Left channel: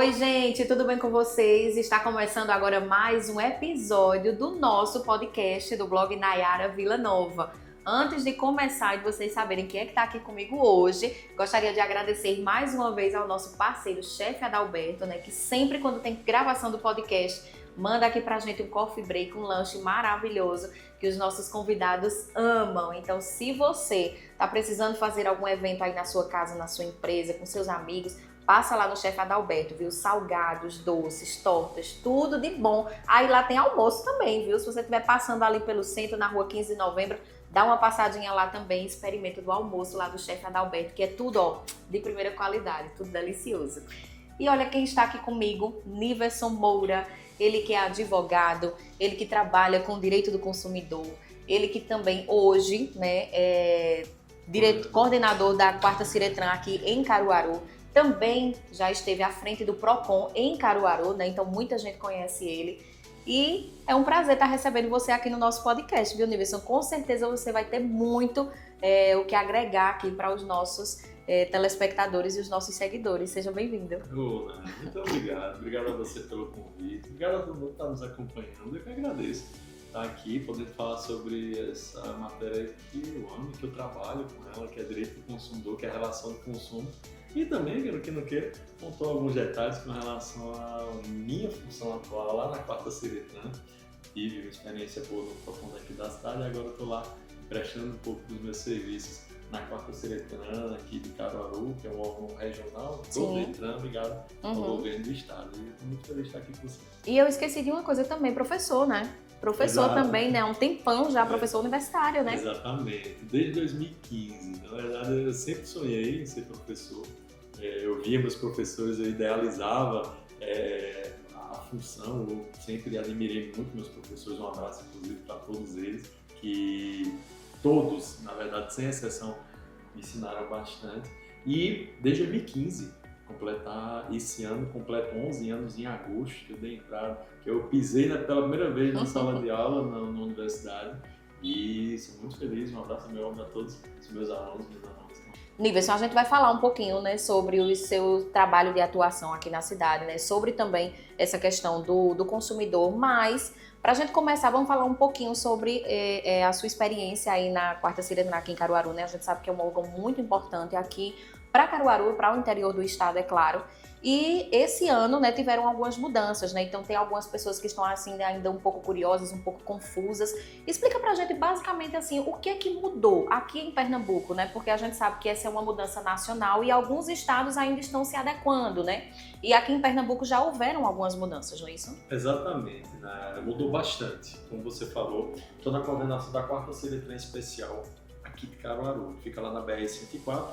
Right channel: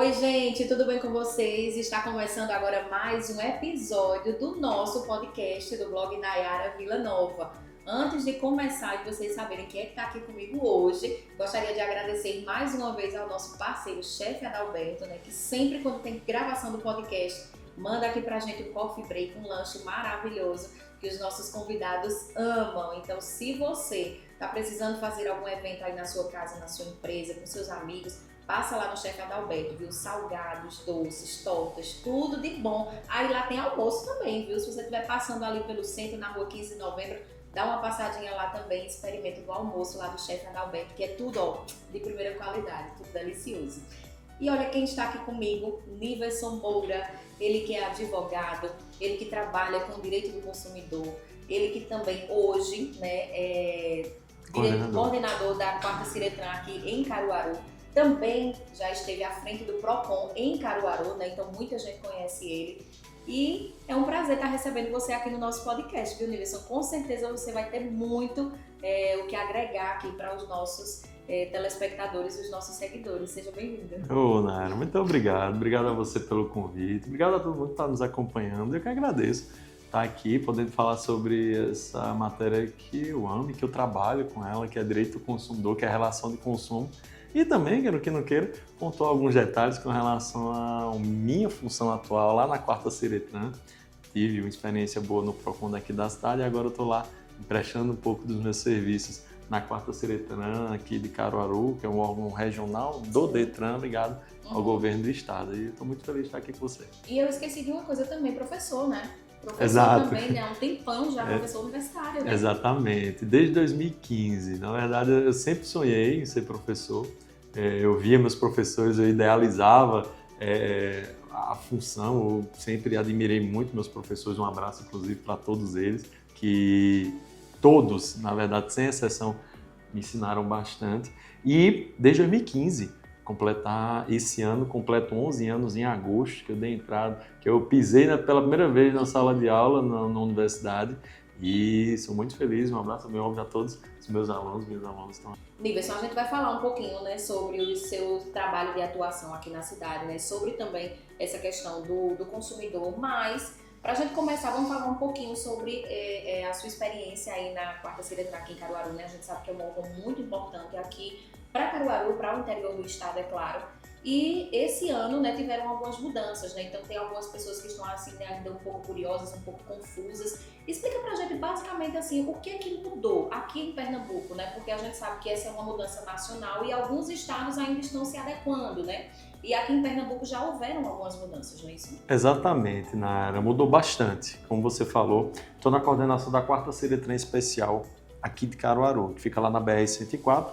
Oi, gente, tudo bem com vocês? Está começando agora mais um episódio do nosso podcast do blog Nayara Vila Nova. Antes de começar e de vocês saberem quem é que está aqui comigo hoje, gostaria de agradecer mais uma vez ao nosso parceiro, chefe Adalberto, que sempre quando tem gravação do podcast, manda aqui pra gente um coffee break, um lanche maravilhoso que os nossos convidados amam. Então, se você está precisando fazer algum evento aí na sua casa, na sua empresa, com seus amigos, passa lá no chefe Adalberto, viu? Salgados, doces, tortas, tudo de bom. Aí lá tem almoço também, viu? Se você estiver passando ali pelo centro, na rua 15 de novembro, dá uma passadinha lá também, experimenta do almoço lá do chefe Adalberto, que é tudo, ó, de primeira qualidade, tudo delicioso. E olha quem está aqui comigo, Niverson Moura, ele que é advogado, ele que trabalha com o direito do consumidor, ele que também hoje, é coordenador da 4ª Ciretran aqui em Caruaru. Também já esteve à frente do Procon em Caruaru, então muita gente conhece ele. E é um prazer estar recebendo você aqui no nosso podcast, viu, Niverson? Com certeza você vai ter muito o que agregar aqui para os nossos telespectadores e os nossos seguidores. Seja bem-vindo. Ô, Nayara, muito obrigado. Obrigado a você pelo convite. Obrigado a todo mundo que está nos acompanhando. Eu que agradeço estar aqui, podendo falar sobre essa matéria que eu amo e que eu trabalho com ela, que é direito do consumidor, que é a relação do consumo. E também, quero que não queira, contou alguns detalhes com relação à minha função atual lá na 4ª Ciretran. Tive uma experiência boa no Procon daqui da cidade e agora eu estou lá prestando um pouco dos meus serviços na 4ª Ciretran aqui de Caruaru, que é um órgão regional do Detran, ligado ao governo do estado. E estou muito feliz de estar aqui com você. E eu esqueci de uma coisa também, professor, né? Professor Exato. também, né? Um tempão já, professor universitário, né? Exatamente, desde 2015. Na verdade, eu sempre sonhei em ser professor. Eu via meus professores, eu idealizava a função, eu sempre admirei muito meus professores. Um abraço, inclusive, para todos eles, que todos, na verdade, sem exceção, me ensinaram bastante. E desde 2015, esse ano, completo 11 anos em agosto, que eu dei entrada, que eu pisei pela primeira vez na sala de aula na universidade. E sou muito feliz, um abraço meu óbvio a todos os meus alunos estão aqui. Niverson, a gente vai falar um pouquinho, sobre o seu trabalho de atuação aqui na cidade, sobre também essa questão do consumidor, mas para a gente começar, vamos falar um pouquinho sobre a sua experiência aí na 4ª Ciretran aqui em Caruaru, A gente sabe que é um órgão muito importante aqui para Caruaru, para o interior do estado, é claro. E esse ano, tiveram algumas mudanças, Então tem algumas pessoas que estão assim ainda um pouco curiosas, um pouco confusas. Explica pra gente basicamente assim, o que é que mudou aqui em Pernambuco, Porque a gente sabe que essa é uma mudança nacional e alguns estados ainda estão se adequando, E aqui em Pernambuco já houveram algumas mudanças, não é isso? Exatamente, Nayara, mudou bastante. Como você falou, estou na coordenação da 4ª Ciretran Especial aqui de Caruaru, que fica lá na BR-104.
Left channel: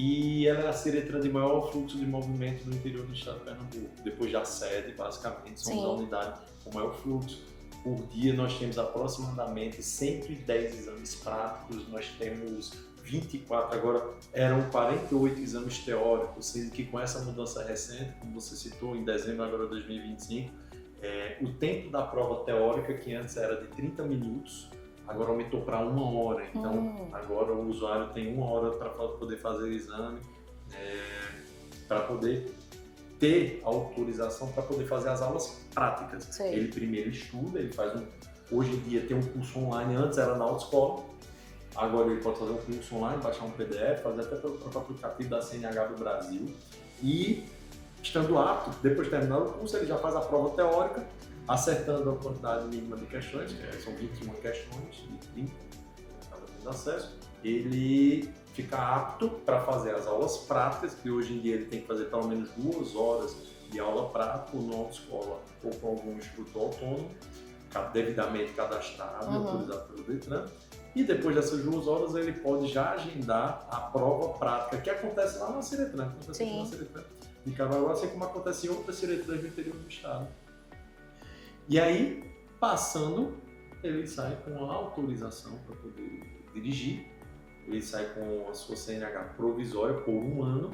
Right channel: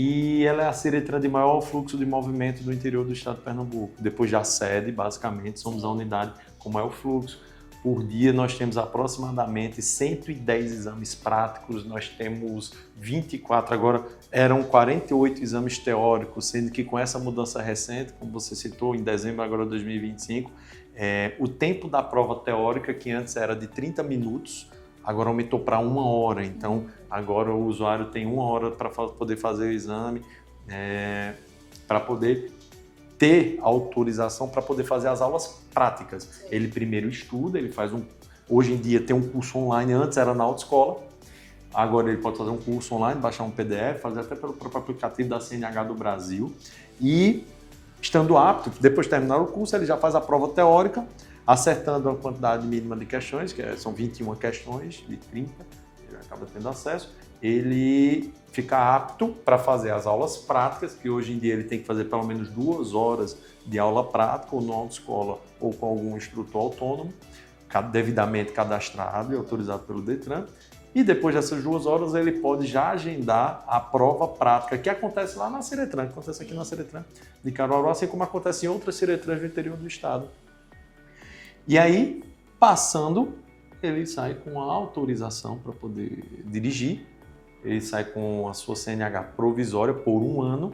E ela é a Ciretran de maior fluxo de movimento do interior do estado de Pernambuco. Depois da sede, basicamente, somos a unidade com maior fluxo. Por dia nós temos aproximadamente 110 exames práticos, nós temos 24, agora eram 48 exames teóricos, sendo que com essa mudança recente, como você citou, em dezembro agora de 2025, o tempo da prova teórica, que antes era de 30 minutos, agora aumentou para 1 hora, então agora o usuário tem 1 hora para poder fazer o exame, para poder ter autorização para poder fazer as aulas práticas. Sim. Ele primeiro estuda, ele faz hoje em dia tem um curso online, antes era na autoescola, agora ele pode fazer um curso online, baixar um PDF, fazer até pelo próprio aplicativo da CNH do Brasil e, estando apto, depois de terminar o curso, ele já faz a prova teórica, acertando a quantidade mínima de questões, que são 21 questões de 30, ele acaba tendo acesso, ele fica apto para fazer as aulas práticas, que hoje em dia ele tem que fazer pelo menos 2 horas de aula prática, ou na autoescola, ou com algum instrutor autônomo, devidamente cadastrado e autorizado pelo Detran. E depois dessas 2 horas ele pode já agendar a prova prática, que acontece lá na Ciretran, que acontece aqui na Ciretran de Caruaru, assim como acontece em outras Ciretrans do interior do estado. E aí, passando, ele sai com a autorização para poder dirigir, ele sai com a sua CNH provisória por 1 ano,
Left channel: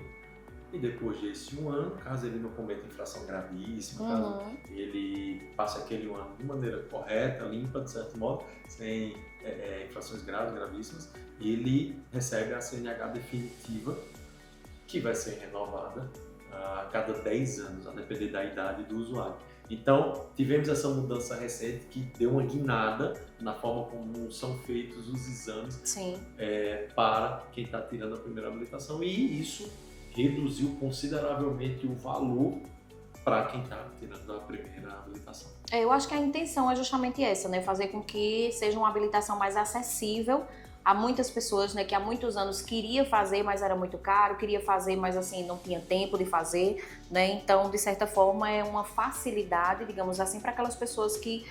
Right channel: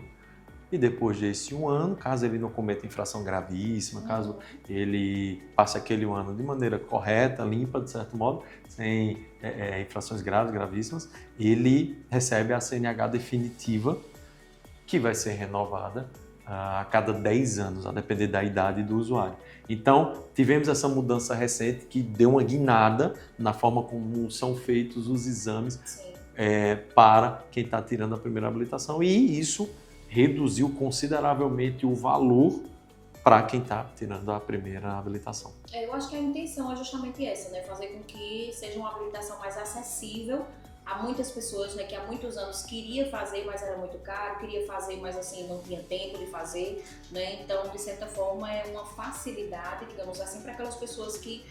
e depois desse 1 ano, caso ele não cometa infração gravíssima, caso ele passe aquele 1 ano de maneira correta, limpa, de certo modo, sem infrações gravíssimas, ele recebe a CNH definitiva, que vai ser renovada a cada 10 anos, a depender da idade do usuário. Então, tivemos essa mudança recente que deu uma guinada na forma como são feitos os exames para quem está tirando a primeira habilitação, e isso reduziu consideravelmente o valor para quem está tirando a primeira habilitação. Eu acho que a intenção é justamente essa, né? Fazer com que seja uma habilitação mais acessível a muitas pessoas, né, que há muitos anos queria fazer, mas era muito caro, queria fazer, mas assim, não tinha tempo de fazer, né? Então, de certa forma, é uma facilidade, digamos assim, para aquelas pessoas que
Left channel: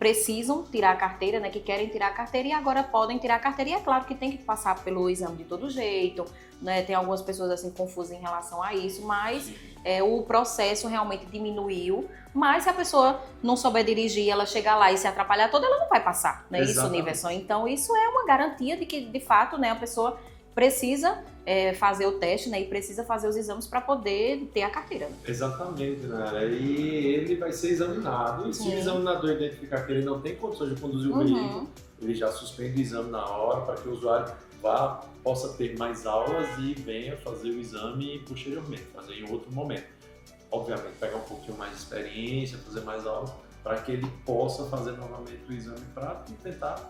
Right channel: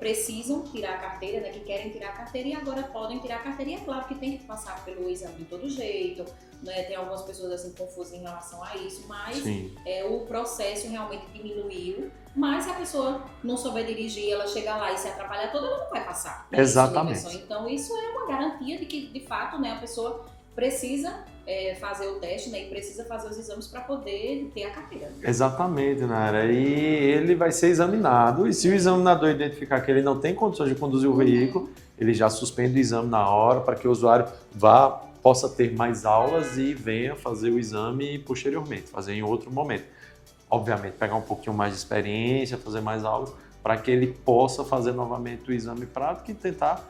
precisam tirar a carteira, né, que querem tirar a carteira e agora podem tirar a carteira. E é claro que tem que passar pelo exame de todo jeito, né? Tem algumas pessoas assim confusas em relação a isso, mas o processo realmente diminuiu. Mas se a pessoa não souber dirigir, ela chegar lá e se atrapalhar toda, ela não vai passar, né? Exatamente. Isso, então isso é uma garantia de que, de fato, né, a pessoa precisa fazer o teste, né, e precisa fazer os exames para poder ter a carteira. Exatamente, Nara. E ele vai ser examinado, e se o examinador identificar que ele não tem condições de conduzir o veículo, ele já suspende o exame na hora para que o usuário possa ter mais aulas e venha fazer o exame posteriormente, fazer em outro momento. Obviamente, pegar um pouquinho mais de experiência, fazer mais aulas, para que ele possa fazer novamente o exame prático e tentar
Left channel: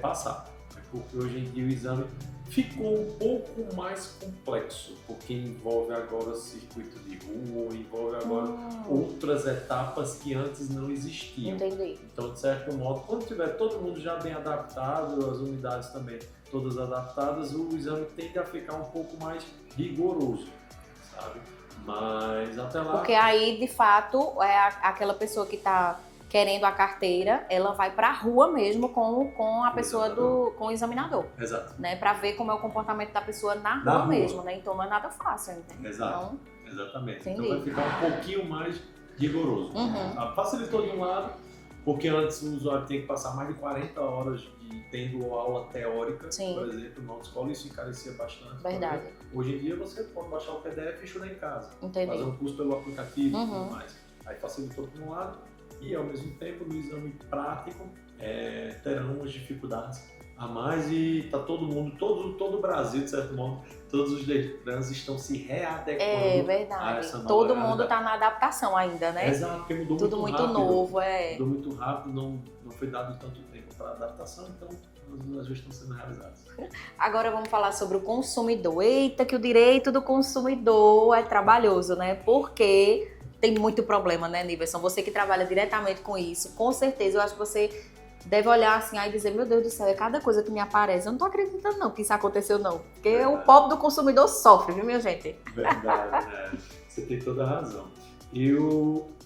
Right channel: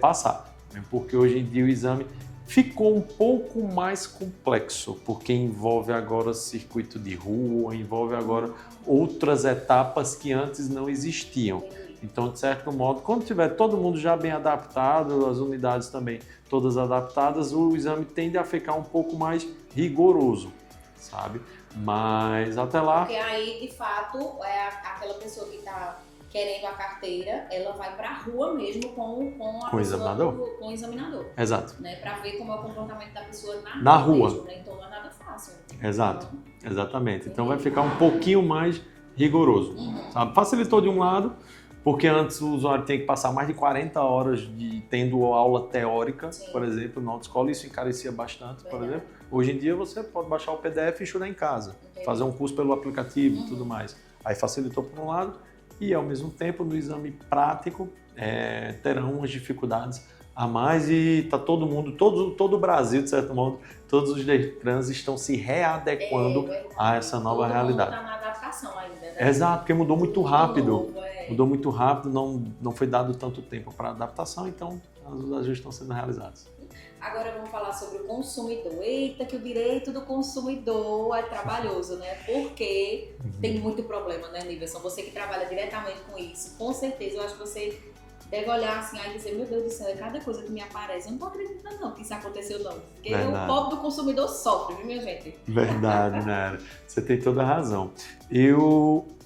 passar. Porque hoje em dia o exame ficou um pouco mais complexo, porque envolve agora circuito de rua, envolve agora outras etapas que antes não existiam. Entendi. Então, de certo modo, quando tiver todo mundo já bem adaptado, as unidades também todas adaptadas, o exame tende a ficar um pouco mais rigoroso, sabe? Mas até lá... Porque aí, de fato, aquela pessoa que está querendo a carteira, ela vai para a rua mesmo com a pessoa com o examinador. Exato. Né, para ver como é o comportamento da pessoa na rua mesmo, né? Então não é nada fácil. Exato. Então, exatamente. Entendi. Então vai ficar um pouquinho mais rigoroso. Sabe? Facilitou de um lado, porque antes o usuário tinha que passar mais de 40 horas tendo aula teórica, por exemplo, na autoescola, isso encarecia bastante. Por exemplo. Hoje em dia você pode baixar o PDF e estudar em casa, fazer um curso pelo aplicativo e tudo mais. Aí facilitou por um lado, e ao mesmo tempo no exame prático terão umas dificuldades a mais, e tá todo mundo, todo o Brasil, de certo modo, todos os Detrans estão se readequando a essa nova realidade. Todo mundo está na adaptação ainda, né? Exato, porque mudou muito rápido. Novo, Mudou muito rápido, não foi dado tanto tempo para adaptação, então os ajustes estão sendo realizados. Agora vamos falar sobre o consumidor. Eita, que o direito do consumidor é trabalhoso, né? Porque tem muito problema, né, Niverson? Você que trabalha diretamente com isso, com certeza, eu acho que você deve olhar assim e dizer, meu Deus do céu, é cada coisa que me aparece. Eu não tô acreditando não que isso aconteceu não. Porque o pobre do consumidor sofre, viu, minha gente? Verdade, né? Você tem toda a razão.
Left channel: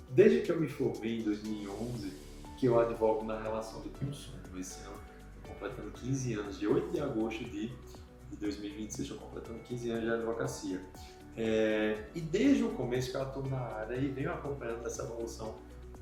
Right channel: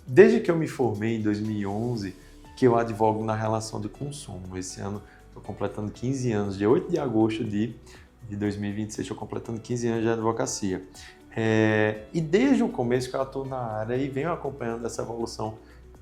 Desde que eu me formei em 2011, que eu advogo na relação de consumo. Esse ano estou completando 15 anos, dia 8 de agosto de 2026, estou completando 15 anos de advocacia. E desde o começo que eu atuo na área e venho acompanhando essa evolução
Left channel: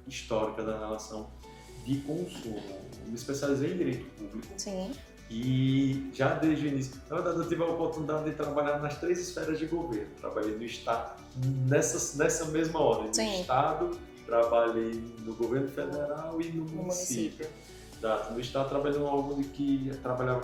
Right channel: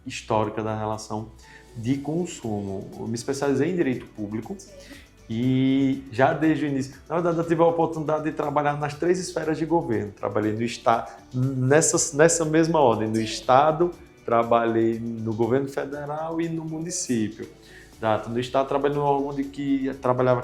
histórica da relação de consumo. Eu me especializei em direito público. Sim. E já desde o início, na verdade eu tive a oportunidade de trabalhar nas 3 esferas de governo. Trabalhei no Estado, nessa mesma ordem, no Estado, trabalhei no governo federal e no município. No Estado trabalhei no órgão que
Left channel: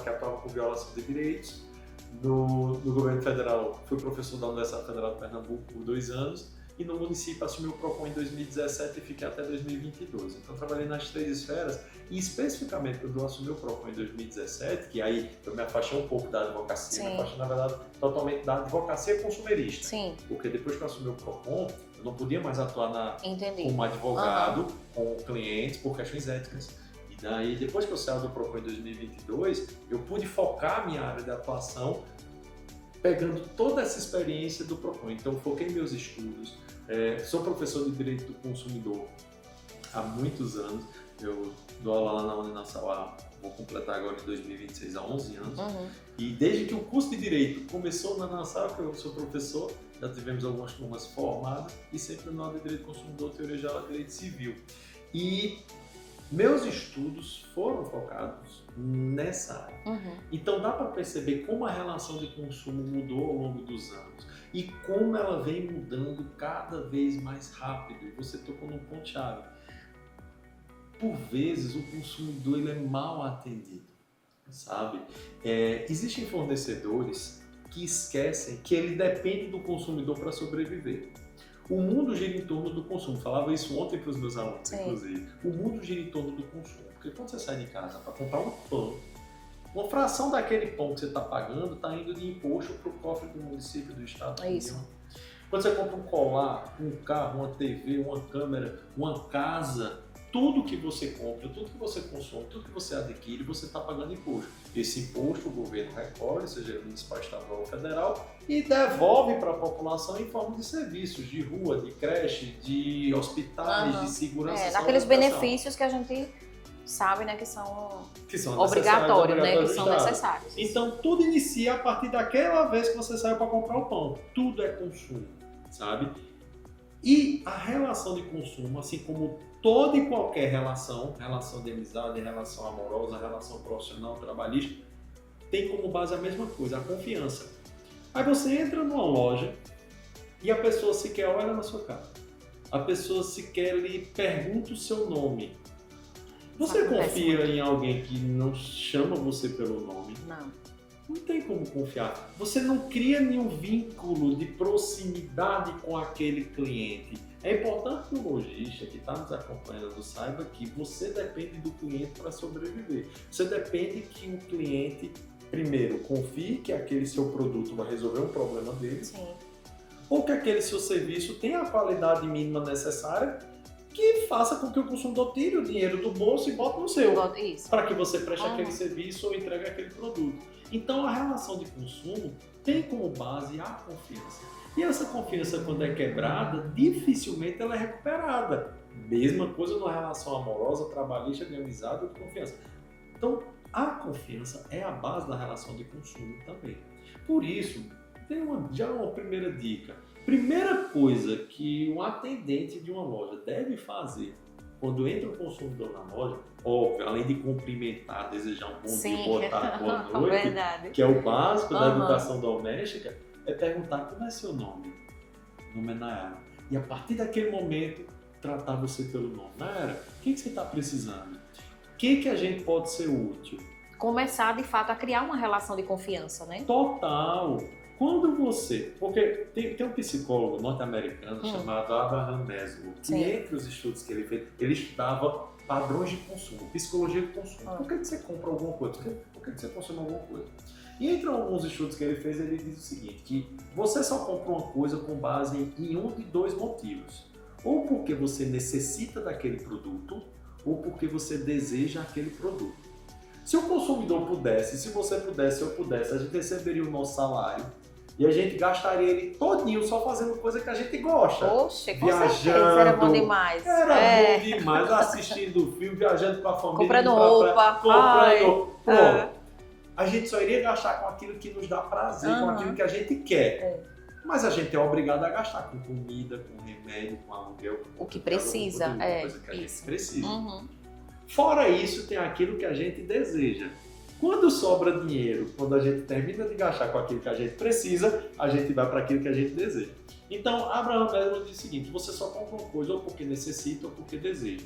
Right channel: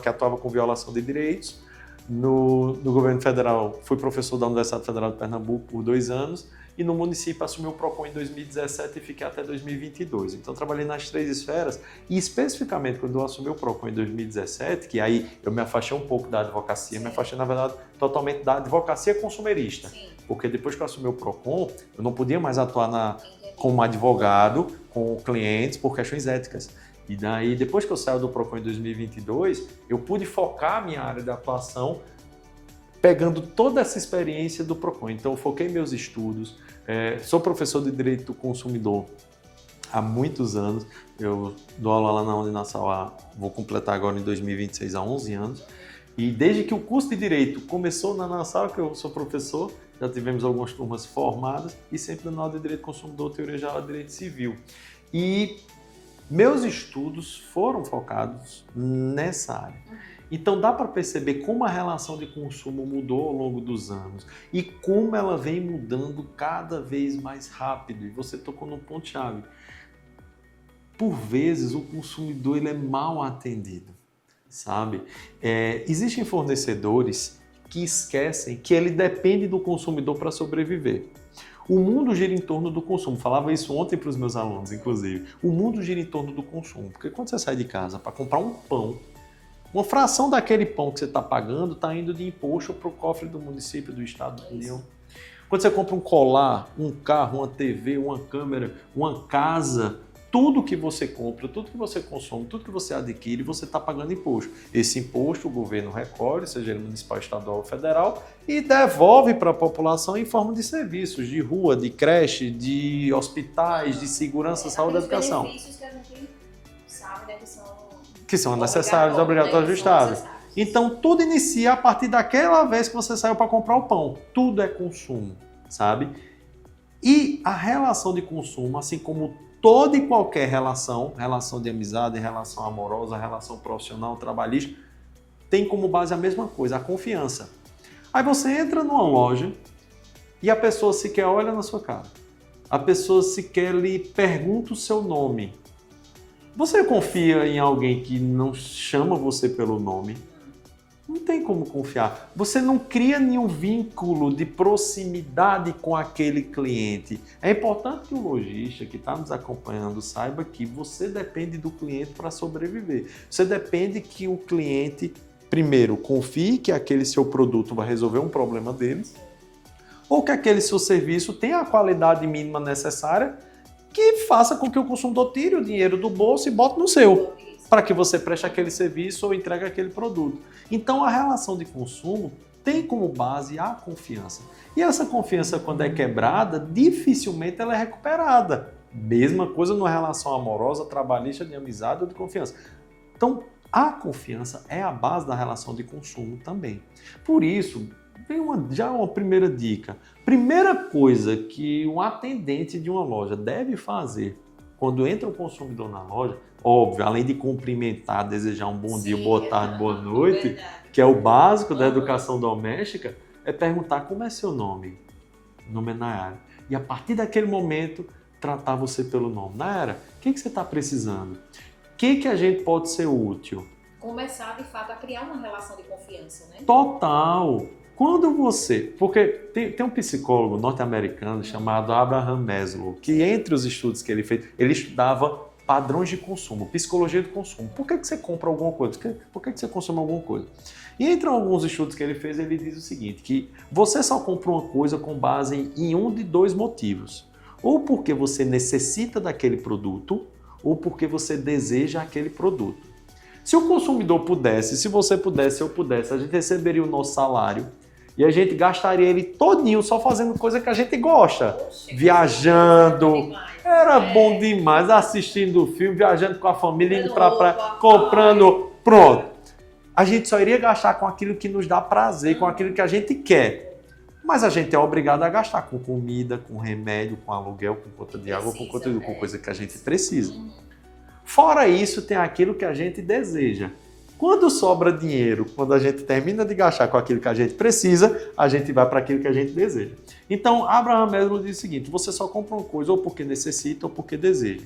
atuava com violação de direitos. No governo federal fui professor da Universidade Federal de Pernambuco por 2 anos. E no município assumi o PROCON em 2017 e fiquei até 2022. Então trabalhei nas 3 esferas, e especificamente quando eu assumi o PROCON em 2017, que aí eu me afastei um pouco da advocacia, me afastei na verdade totalmente da advocacia consumerista. Sim. Porque depois que eu assumi o PROCON, eu não podia mais atuar como advogado com clientes por questões éticas. E daí, depois que eu saio do PROCON em 2022, eu pude focar a minha área de atuação pegando toda essa experiência do PROCON. Então, eu foquei meus estudos, sou professor de Direito do Consumidor há muitos anos, eu dou aula lá na Uninassal, vou completar agora em 2026 há 11 anos, e desde que o curso de Direito começou na Nassau, que eu sou professor, já tivemos algumas turmas formadas, e sempre dando aula de Direito do Consumidor, Teoria Geral de Direito Civil. E meus estudos foram focados nessa área. Então dá para perceber como a relação de consumo mudou ao longo dos anos e como ela vem mudando cada vez mais rápido. E você tocou num ponto-chave. Por vezes o consumidor ele é mal atendido, sabe? Existem fornecedores que esquecem que ele depende do consumidor para sobreviver. O mundo gira em torno do consumo. Falava isso ontem para os meus alunos, inclusive. O mundo gira em torno do consumo. Porque quando você sai de casa para comprar um pão, uma fração daquele pão que você está pagando está indo de imposto para o cofre do município, do estado, da União. Quando você compra um colar, um carro, uma TV, uma câmera, uma casa, tudo que você compra, tudo que você consome, tudo que você adquire, você está pagando imposto. Esse imposto o governo recolhe, seja ele municipal, estadual ou federal, e devolve para a população em forma de serviços, de rua, de creche, de hospitais, de segurança, saúde e educação. Daqueles benefícios que a gente sabe, né, que são necessários, obrigatórios do Estado. Então, tudo inicia a partir daquela vez que você saiu para comprar o pão. Tudo é consumo, sabe? E a relação de consumo, assim como toda e qualquer relação de amizade, relação amorosa, relação profissional, trabalhista, tem como base a mesma coisa, a confiança. Aí você entra numa loja e a pessoa sequer olha na sua cara. A pessoa sequer lhe pergunta o seu nome. Você confia em alguém que não chama você pelo nome? Não tem como confiar. Você não cria nenhum vínculo de proximidade com aquele cliente. É importante que o lojista que está nos acompanhando saiba que você depende do cliente para sobreviver. Você depende que o cliente, primeiro, confie que aquele seu produto vai resolver um problema dele, ou que aquele seu serviço tenha a qualidade mínima necessária que faça com que o consumidor tire o dinheiro do bolso e bote no seu, para que você preste aquele serviço ou entregue aquele produto. Então, a relação de consumo tem como base a confiança. E essa confiança, quando é quebrada, dificilmente ela é recuperada. Mesma coisa numa relação amorosa, trabalhista, de amizade ou de confiança. Então, a confiança é a base da relação de consumo também. Por isso, tem já uma primeira dica. Primeira coisa que um atendente de uma loja deve fazer quando entra o consumidor na loja, óbvio, além de cumprimentar, desejar um bom dia, boa tarde, boa noite, que é o básico da educação doméstica, é perguntar como é seu nome. O nome é Nayara. E a partir daquele momento, tratar você pelo nome. Nayara, o que você está precisando? O que a gente pode ser útil? Começar, de fato, a criar uma relação de confiança, né? Total! Quando você... Porque tem um psicólogo norte-americano chamado Abraham Maslow, que entre os estudos que ele fez, ele estudava padrões de consumo, psicologia do consumo. Por que você compra alguma coisa? Por que você consome alguma coisa? E entre alguns estudos que ele fez, ele diz o seguinte, que você só compra uma coisa com base em um de dois motivos. Ou porque você necessita daquele produto, ou porque você deseja aquele produto. Se o consumidor pudesse, se você pudesse, eu pudesse, a gente receberia o nosso salário e a gente gastaria ele todinho só fazendo coisa que a gente gosta. Poxa, viajando. Era bom demais. Bom demais, assistindo filme, viajando com a família, comprando indo pra praia, comprando. Pronto. A gente só iria gastar com aquilo que nos dá prazer, com aquilo que a gente quer. Mas a gente é obrigado a gastar com comida, com remédio, com aluguel, com conta de água, com coisa que a gente precisa. Fora isso, tem aquilo que a gente deseja. Quando sobra dinheiro, quando a gente termina de gastar com aquilo que a gente precisa, a gente vai para aquilo que a gente deseja. Então, Abraham Maslow diz o seguinte, você só compra uma coisa ou porque necessita ou porque deseja.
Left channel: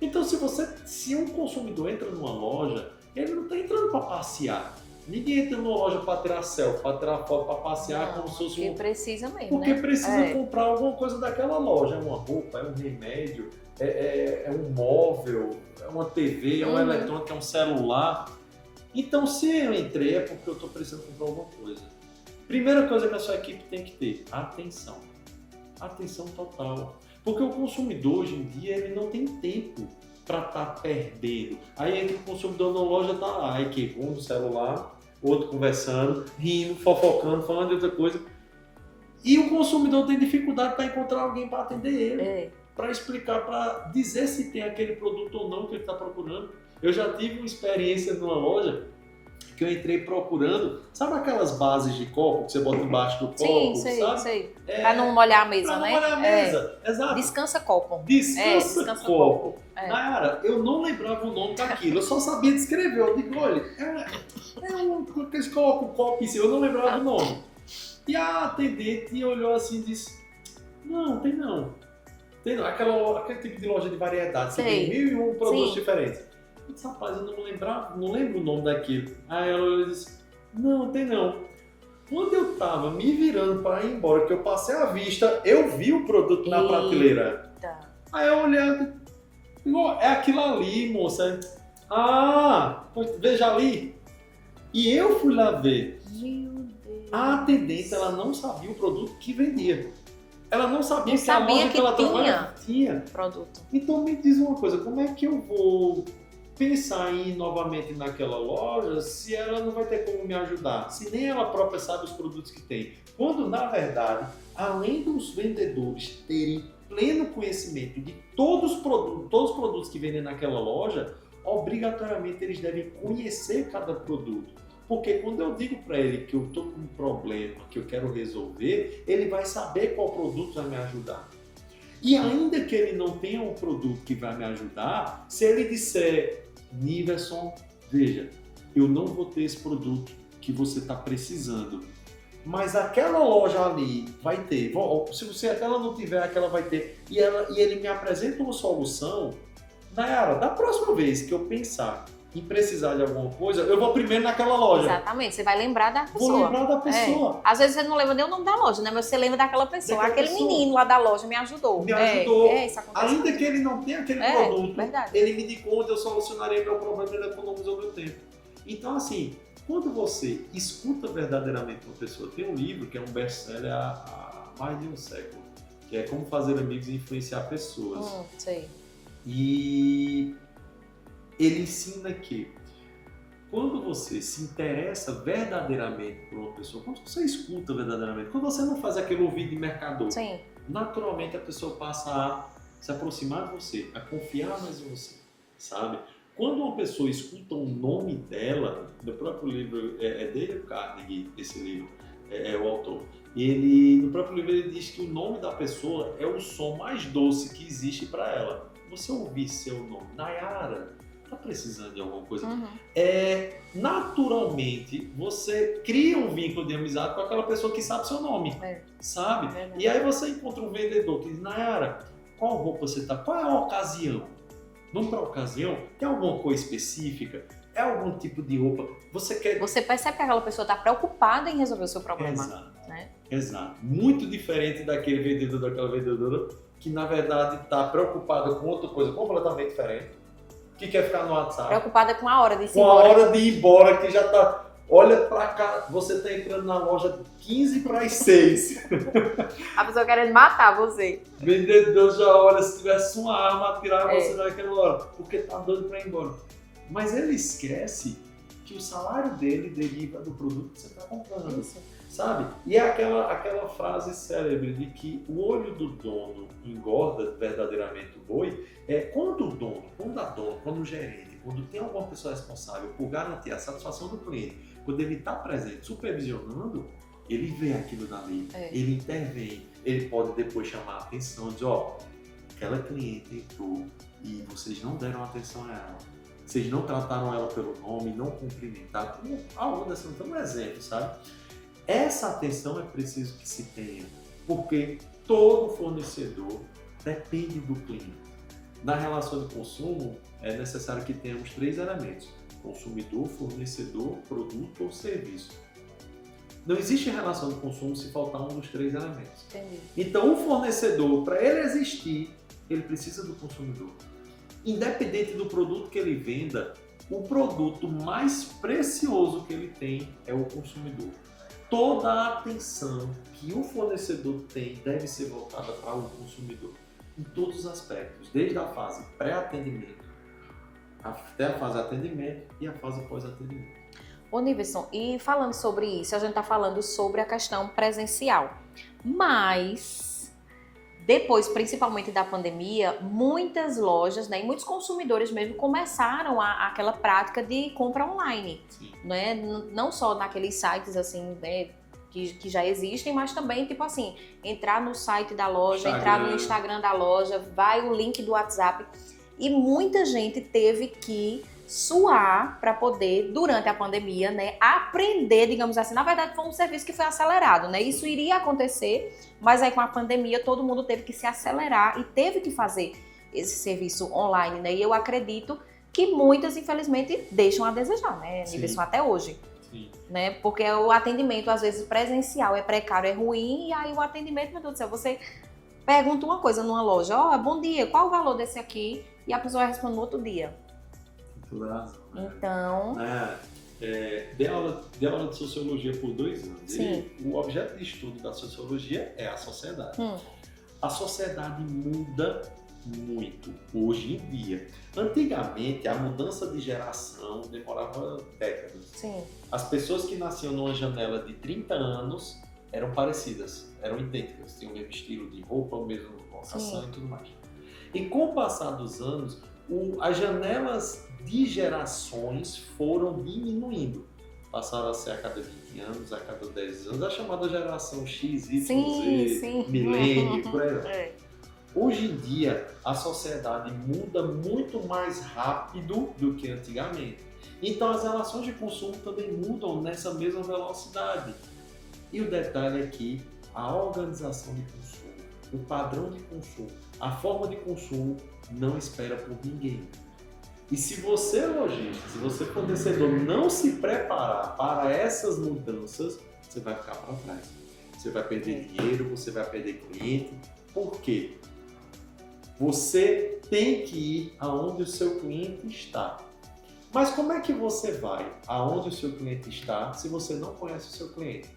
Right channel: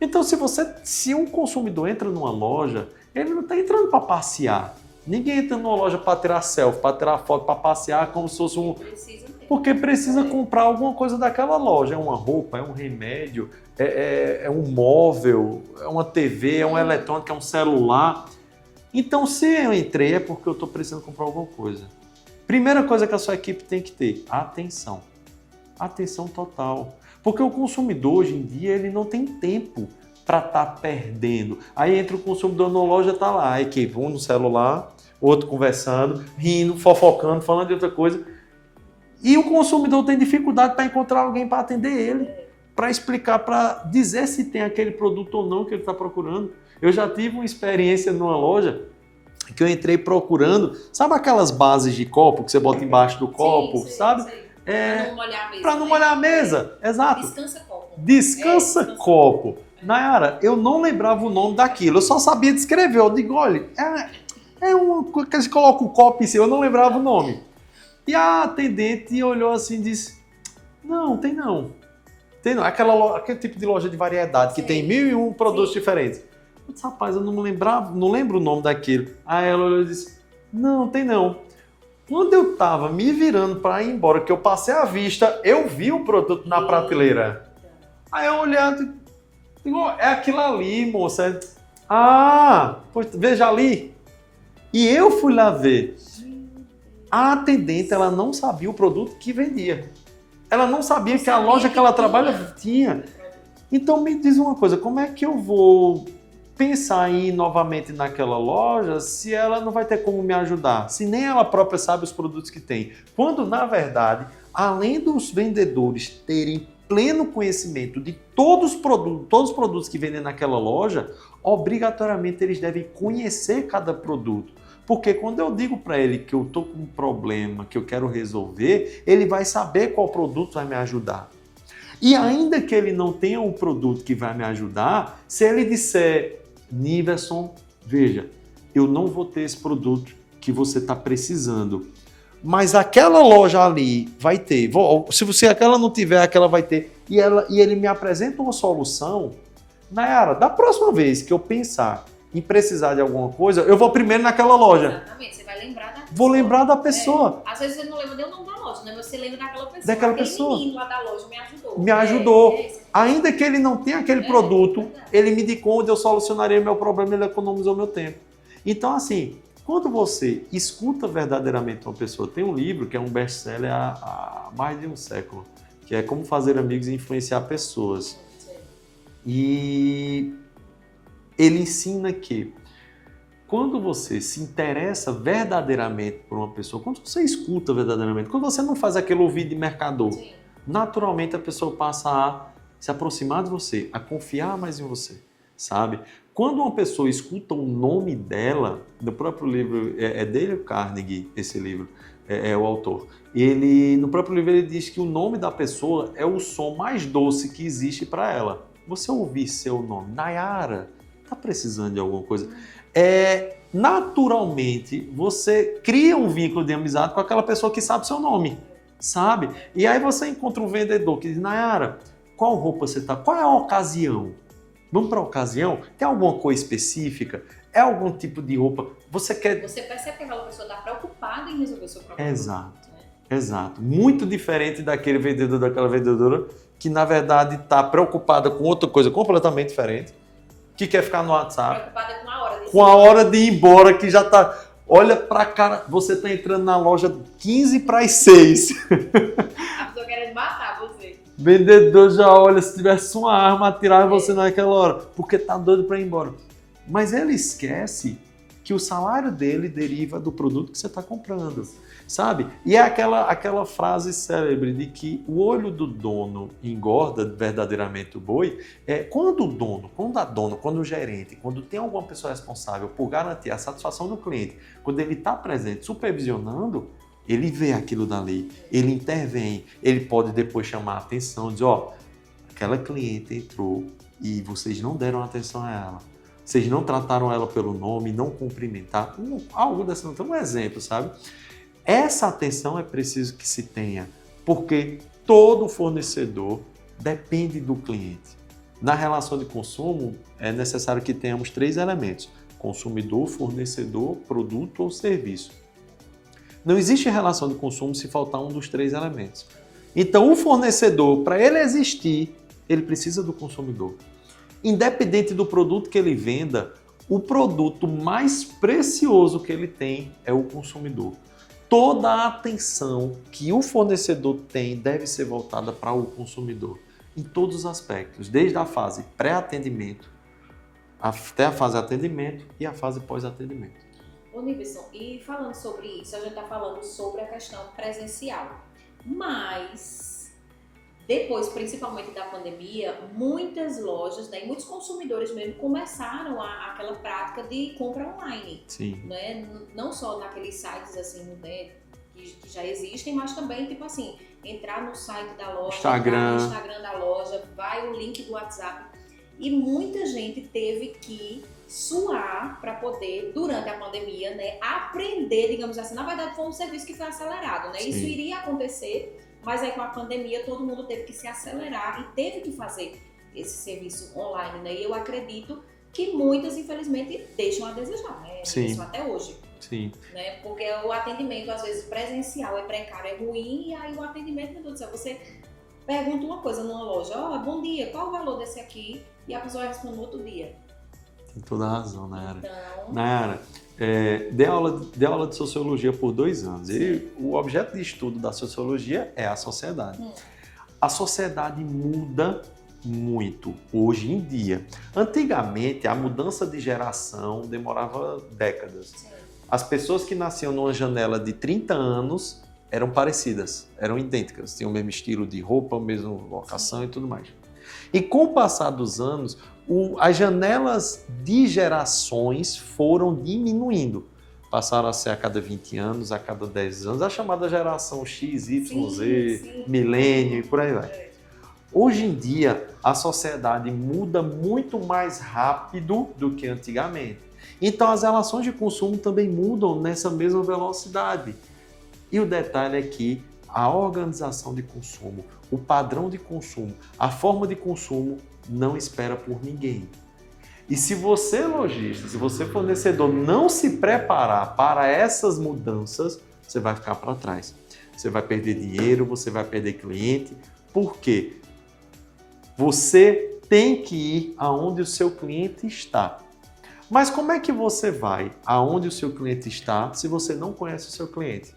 Então, se um consumidor entra numa loja, ele não está entrando para passear. Ninguém entra numa loja para tirar selfie, para tirar foto, para passear como se fosse um... Porque precisa mesmo. Porque precisa comprar alguma coisa daquela loja. É uma roupa, é um remédio, é um móvel, é uma TV, é um eletrônico, é um celular. Então, se eu entrei, é porque eu estou precisando comprar alguma coisa. Primeira coisa que a sua equipe tem que ter, atenção. Atenção total. Porque o consumidor, hoje em dia, ele não tem tempo para estar perdendo. Aí entra o consumidor na loja, tá lá, a equipe, um no celular, outro conversando, rindo, fofocando, falando de outra coisa. E o consumidor tem dificuldade para encontrar alguém para atender ele, para explicar, para dizer se tem aquele produto ou não que ele está procurando. Eu já tive uma experiência numa loja que eu entrei procurando, sabe aquelas bases de copo que você bota embaixo do copo, sabe? Sei. Para não molhar a mesa, Para não molhar a mesa, exato. Descansa copo. Descansa copo. Nayara, eu não lembrava o nome daquilo, eu só sabia descrever. Eu digo, olha, é uma coisa que a gente coloca o copo em cima, eu não lembrava o nome. E a atendente olhou assim e disse, não, tem não. Tem não, aquele tipo de loja de variedades que tem 1001 produtos diferentes. Eu disse, rapaz, eu não lembro o nome daquilo. Aí ela olhou e disse, não, tem não. Quando eu estava me virando para ir embora, que eu passei a vista, eu vi o produto na prateleira. Aí eu olhei, digo, é aquilo ali, moça. Ah, pois veja ali. E eu fui lá ver. A atendente, ela não sabia o produto que vendia. Ela não sabia que a loja que ela trabalha tinha. Produto. Então me diz uma coisa, como é que eu vou pensar em ir novamente naquela loja se ela não vai ter como me ajudar? Se nem ela própria sabe os produtos que tem. Quando, na verdade, além dos vendedores terem pleno conhecimento de todos os produtos que vendem naquela loja, obrigatoriamente eles devem conhecer cada produto. Porque quando eu digo para ele que eu estou com um problema, que eu quero resolver, ele vai saber qual produto vai me ajudar. E ainda que ele não tenha um produto que vai me ajudar, se ele disser, Niverson, veja, eu não vou ter esse produto que você está precisando, mas aquela loja ali vai ter. Se você aquela não tiver, aquela vai ter. E ele me apresenta uma solução. Nayara, da próxima vez que eu pensar em precisar de alguma coisa, eu vou primeiro naquela loja. Exatamente, você vai lembrar da pessoa. Vou lembrar da pessoa. Às vezes você não lembra nem o nome da loja, né? Mas você lembra daquela pessoa. Aquele menino lá da loja me ajudou. Me ajudou. Ainda que ele não tenha aquele produto, ele me indicou onde eu solucionaria meu problema, ele economizou meu tempo. Então, assim, quando você escuta verdadeiramente uma pessoa, tem um livro que é um best-seller há mais de um século, que é Como Fazer Amigos e Influenciar Pessoas. Sei. E ele ensina que quando você se interessa verdadeiramente por uma pessoa, quando você escuta verdadeiramente, quando você não faz aquele ouvido de mercador, naturalmente a pessoa passa a se aproximar de você, a confiar mais em você, sabe? Quando uma pessoa escuta o nome dela, do próprio livro, é Dale Carnegie, esse livro, é o autor. No próprio livro ele diz que o nome da pessoa é o som mais doce que existe para ela. Você ouvir seu nome, Nayara, tá precisando de alguma coisa? Naturalmente, você cria um vínculo de amizade com aquela pessoa que sabe seu nome, sabe? E aí você encontra um vendedor que diz, Nayara, qual roupa você tá? Qual é a ocasião? Vamos para a ocasião? Tem alguma coisa específica? É algum tipo de roupa? Você percebe que aquela pessoa está preocupada em resolver o seu problema. Exato. Né? Exato. Muito diferente daquele vendedor, daquela vendedora que, na verdade, está preocupada com outra coisa completamente diferente, que quer ficar no WhatsApp. Preocupada com a hora de ir embora. Com a hora de ir embora, que já está... Olha pra cara, você está entrando na loja 15 para as 6. A pessoa querendo matar você. O vendedor já olha, se tivesse uma arma, atirava você naquela hora, porque tá doido para ir embora. Mas ele esquece que o salário dele deriva do produto que você está comprando, sabe? E é aquela frase célebre de que o olho do dono engorda verdadeiramente o boi. Quando o dono, quando a dona, quando o gerente, quando tem alguma pessoa responsável por garantir a satisfação do cliente, quando ele está presente, supervisionando, ele vê aquilo dali, ele intervém, ele pode depois chamar a atenção, dizer, aquela cliente entrou e vocês não deram atenção a ela. Vocês não trataram ela pelo nome, não cumprimentaram, algo desse, um exemplo, sabe? Essa atenção é preciso que se tenha, porque todo fornecedor depende do cliente. Na relação de consumo, é necessário que tenhamos 3 elementos: consumidor, fornecedor, produto ou serviço. Não existe relação de consumo se faltar um dos 3 elementos. Entendi. Então, o fornecedor, para ele existir, ele precisa do consumidor. Independente do produto que ele venda, o produto mais precioso que ele tem é o consumidor. Toda a atenção que o fornecedor tem deve ser voltada para o consumidor, em todos os aspectos, desde a fase pré-atendimento até a fase atendimento e a fase pós-atendimento. Ô Niverson, e falando sobre isso, a gente está falando sobre a questão presencial, mas depois, principalmente da pandemia, muitas lojas, né, e muitos consumidores mesmo começaram aquela prática de compra online. Sim. Né? Não só naqueles sites assim, né, que já existem, mas também, tipo assim, entrar no site da loja, entrar no Instagram da loja, vai o link do WhatsApp. E muita gente teve que suar para poder, durante a pandemia, né, aprender, digamos assim. Na verdade, foi um serviço que foi acelerado, né? Sim. Isso iria acontecer, mas aí com a pandemia todo mundo teve que se acelerar e teve que fazer esse serviço online, né? E eu acredito que muitas, infelizmente, deixam a desejar, né? Sim. Isso até hoje. Sim. Né? Porque o atendimento, às vezes, presencial é precário, é ruim, e aí o atendimento, meu Deus do céu, você pergunta uma coisa numa loja, bom dia, qual o valor desse aqui? E a pessoa responde no outro dia. Tem toda a razão, Nayara. Então... Nayara, dei aula de sociologia por 2 anos. Sim. E o objeto de estudo da sociologia é a sociedade. A sociedade muda muito hoje em dia. Antigamente, a mudança de geração demorava décadas. Sim. As pessoas que nasciam numa janela de 30 anos eram parecidas, eram idênticas, tinham o mesmo estilo de roupa, a mesma locação. Sim. E tudo mais. E com o passar dos anos, as janelas de gerações foram diminuindo. Passaram a ser a cada 20 anos, a cada 10 anos, a chamada geração X, Y, Z, milênio e por aí vai. Hoje em dia, a sociedade muda muito mais rápido do que antigamente. Então, as relações de consumo também mudam nessa mesma velocidade. E o detalhe é que a organização de consumo, o padrão de consumo, a forma de consumo não espera por ninguém. E se você, lojista, se você, fornecedor, não se preparar para essas mudanças, você vai ficar para trás. Você vai perder dinheiro, você vai perder cliente. Por quê? Você tem que ir aonde o seu cliente está. Mas como é que você vai aonde o seu cliente está se você não conhece o seu cliente?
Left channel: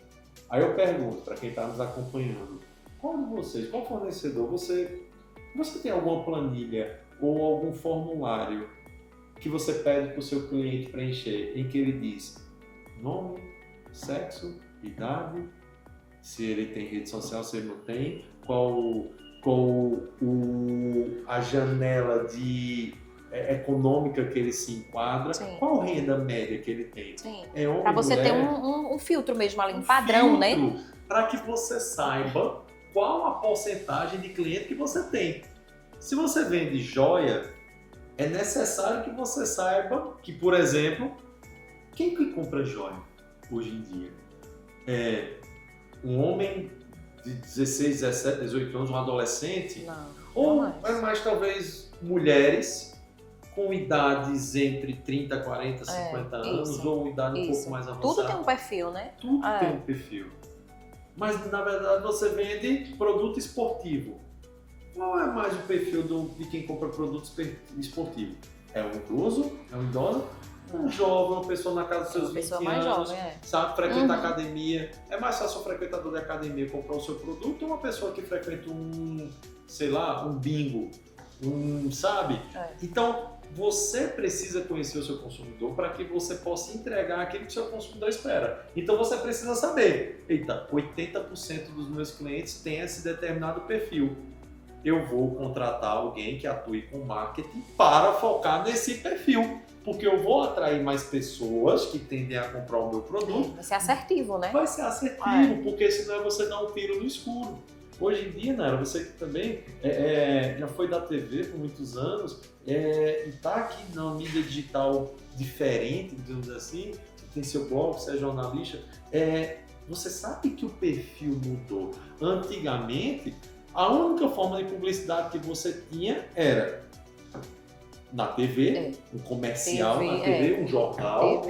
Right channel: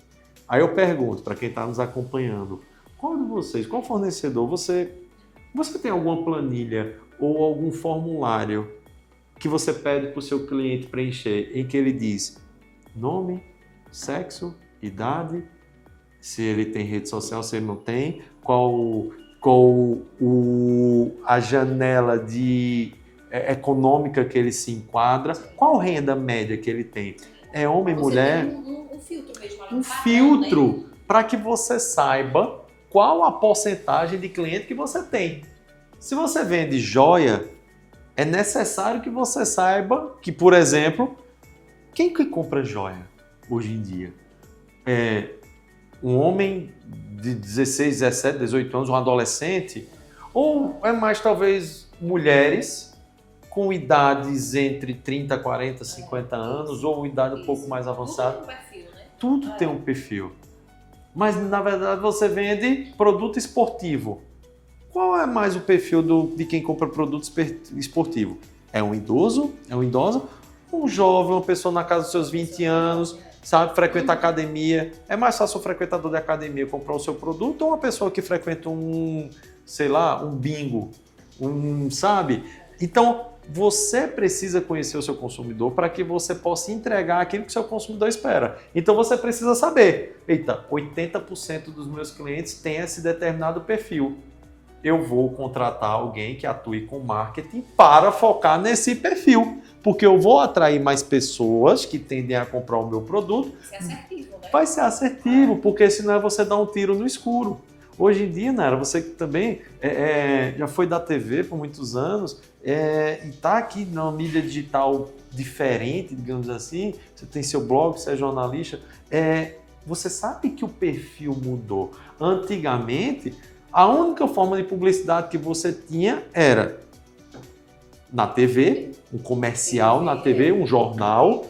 Aí eu pergunto para quem está nos acompanhando, qual de vocês, qual fornecedor, você tem alguma planilha ou algum formulário que você pede para o seu cliente preencher em que ele diz nome, sexo, idade, se ele tem rede social, se ele não tem, qual a janela econômica que ele se enquadra, Sim. qual renda média que ele tem. Sim. É homem, pra você mulher? Ter um filtro mesmo ali, um padrão, né? Filtro para que você saiba qual a porcentagem de cliente que você tem. Se você vende joia, é necessário que você saiba que, por exemplo, quem que compra joia hoje em dia? É um homem de 16, 17, 18 anos, um adolescente? Não. Ou é mais talvez mulheres com idades entre 30, 40, 50 anos isso, ou idade um pouco mais avançada? Tudo tem um perfil, né? Tudo tem um perfil. Mas, na verdade, você vende produto esportivo. Qual é mais o perfil de quem compra produto esportivo? É um idoso? É uma idosa? Um jovem, uma pessoa na casa dos seus 20 anos, jovem, sabe, frequenta academia. É mais fácil o frequentador de academia comprar o seu produto ou uma pessoa que frequenta um bingo, sabe? Então, você precisa conhecer o seu consumidor para que você possa entregar aquilo que o seu consumidor espera. Então, você precisa saber, 80% dos meus clientes têm esse determinado perfil. Eu vou contratar alguém que atue com marketing para focar nesse perfil. Porque eu vou atrair mais pessoas que tendem a comprar o meu produto. Vai ser assertivo, né? Vai ser assertivo, porque senão é você dar um tiro no escuro. Hoje em dia, Nayara, você também já foi da TV por muitos anos e está aqui na mídia digital diferente, digamos assim, você tem seu blog, você é jornalista, você sabe que o perfil mudou. Antigamente, a única forma de publicidade que você tinha era na TV, um comercial na TV, um jornal,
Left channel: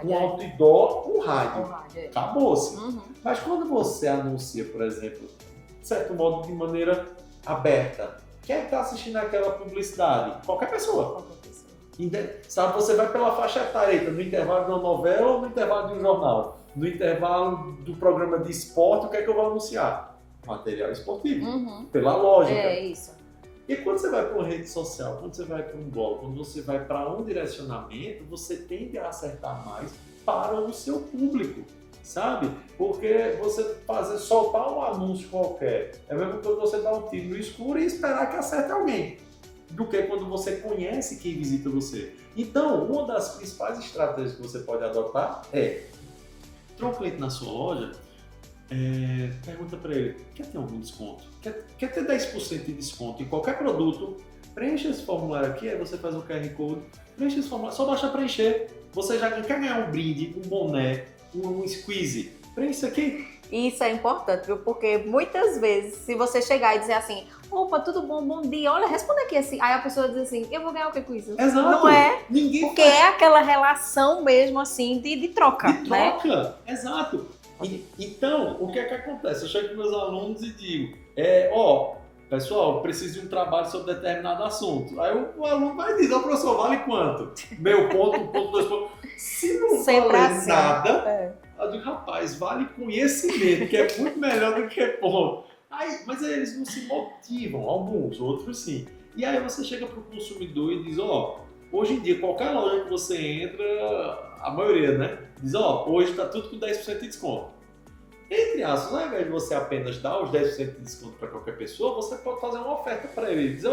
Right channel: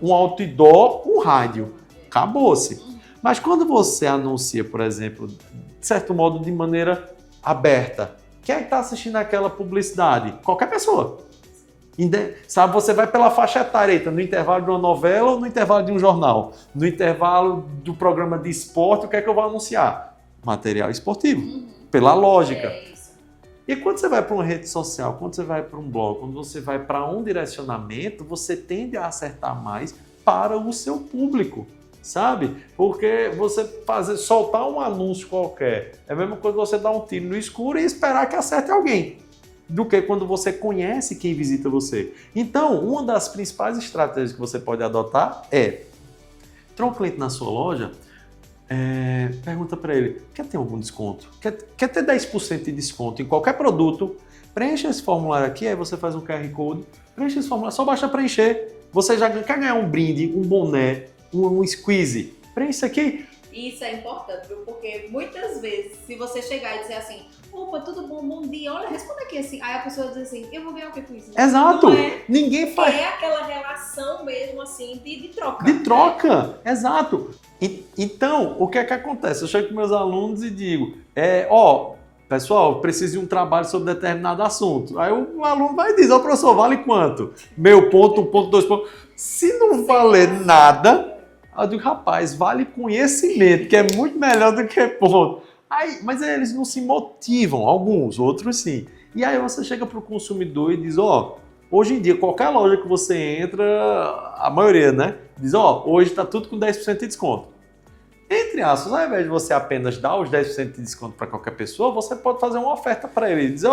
um outdoor, um rádio. Acabou-se. Mas quando você anuncia, por exemplo, de certo modo, de maneira aberta, quem é que está assistindo aquela publicidade? Qualquer pessoa. Sabe, você vai pela faixa etária, no intervalo de uma novela ou no intervalo de um jornal? No intervalo do programa de esporte, o que é que eu vou anunciar? Material esportivo. Pela lógica. É isso. E quando você vai para uma rede social, quando você vai para um blog, quando você vai para um direcionamento, você tende a acertar mais para o seu público, sabe? Porque você soltar um anúncio qualquer é a mesma coisa que você dar um tiro no escuro e esperar que acerte alguém, do que quando você conhece quem visita você. Então, uma das principais estratégias que você pode adotar é entrar um cliente na sua loja, pergunta para ele, quer ter algum desconto? Quer ter 10% de desconto em qualquer produto? Preencha esse formulário aqui, aí você faz um QR Code, preencha esse formulário, só basta preencher. Você já quer ganhar um brinde, um boné, um squeeze. Preencha aqui, Isso é importante, viu? Porque muitas vezes, se você chegar e dizer assim, opa, tudo bom, bom dia, olha, responda aqui assim. Aí a pessoa diz assim, eu vou ganhar o que com isso? Exato. Não é? Ninguém Porque é aquela relação mesmo assim de troca. De troca, exato. Então, o que é que acontece? Eu chego com meus alunos e digo, pessoal, preciso de um trabalho sobre determinado assunto. Aí o aluno vai dizer, professor, vale quanto? Meio ponto, 1 ponto, 2 pontos. Se não valer nada, eu digo, rapaz, vale conhecimento, que é muito melhor do que ponto. Aí, mas eles não se motivam, alguns, outros sim. E aí você chega para o consumidor e diz, hoje em dia, qualquer loja que você entra, a maioria, né? Diz, hoje está tudo com 10% de desconto. Entre aspas, ao invés de você apenas dar os 10% de desconto para qualquer pessoa, você pode fazer uma oferta para ele e dizer,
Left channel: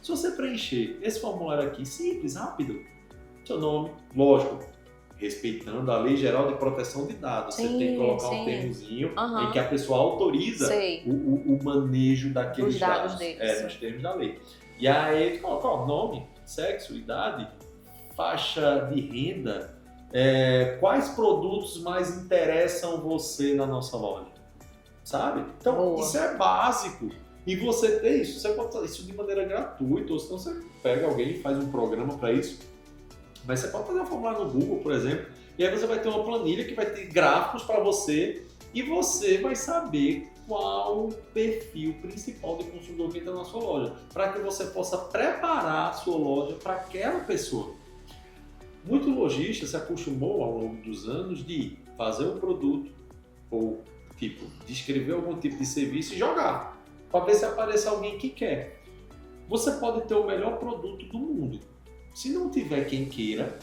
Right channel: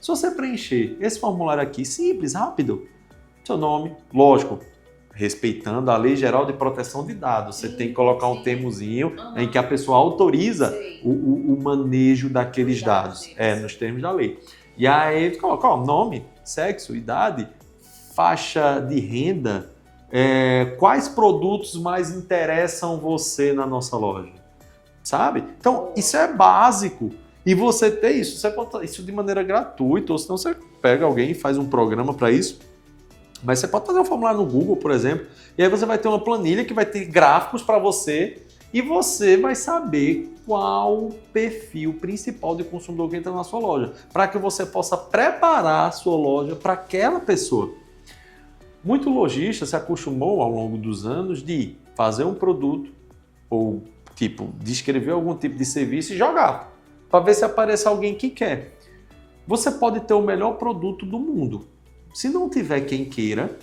se você preencher esse formulário aqui, simples, rápido, seu nome, lógico, respeitando a Lei Geral de Proteção de Dados. Você tem que colocar um termozinho em que a pessoa autoriza o manejo daqueles dados. Nos termos da lei. E aí ele coloca nome, sexo, idade, faixa de renda, quais produtos mais interessam você na nossa loja, sabe? Então, isso é básico. E você ter isso, você pode isso de maneira gratuita, ou senão você pega alguém e faz um programa para isso. Mas você pode fazer um formulário no Google, por exemplo, e aí você vai ter uma planilha que vai ter gráficos para você e você vai saber qual o perfil principal de consumidor que entra na sua loja, para que você possa preparar a sua loja para aquela pessoa. Muito lojista se acostumou ao longo dos anos de fazer um produto ou descrever algum tipo de serviço e jogar, para ver se aparece alguém que quer. Você pode ter o melhor produto do mundo. Se não tiver quem queira,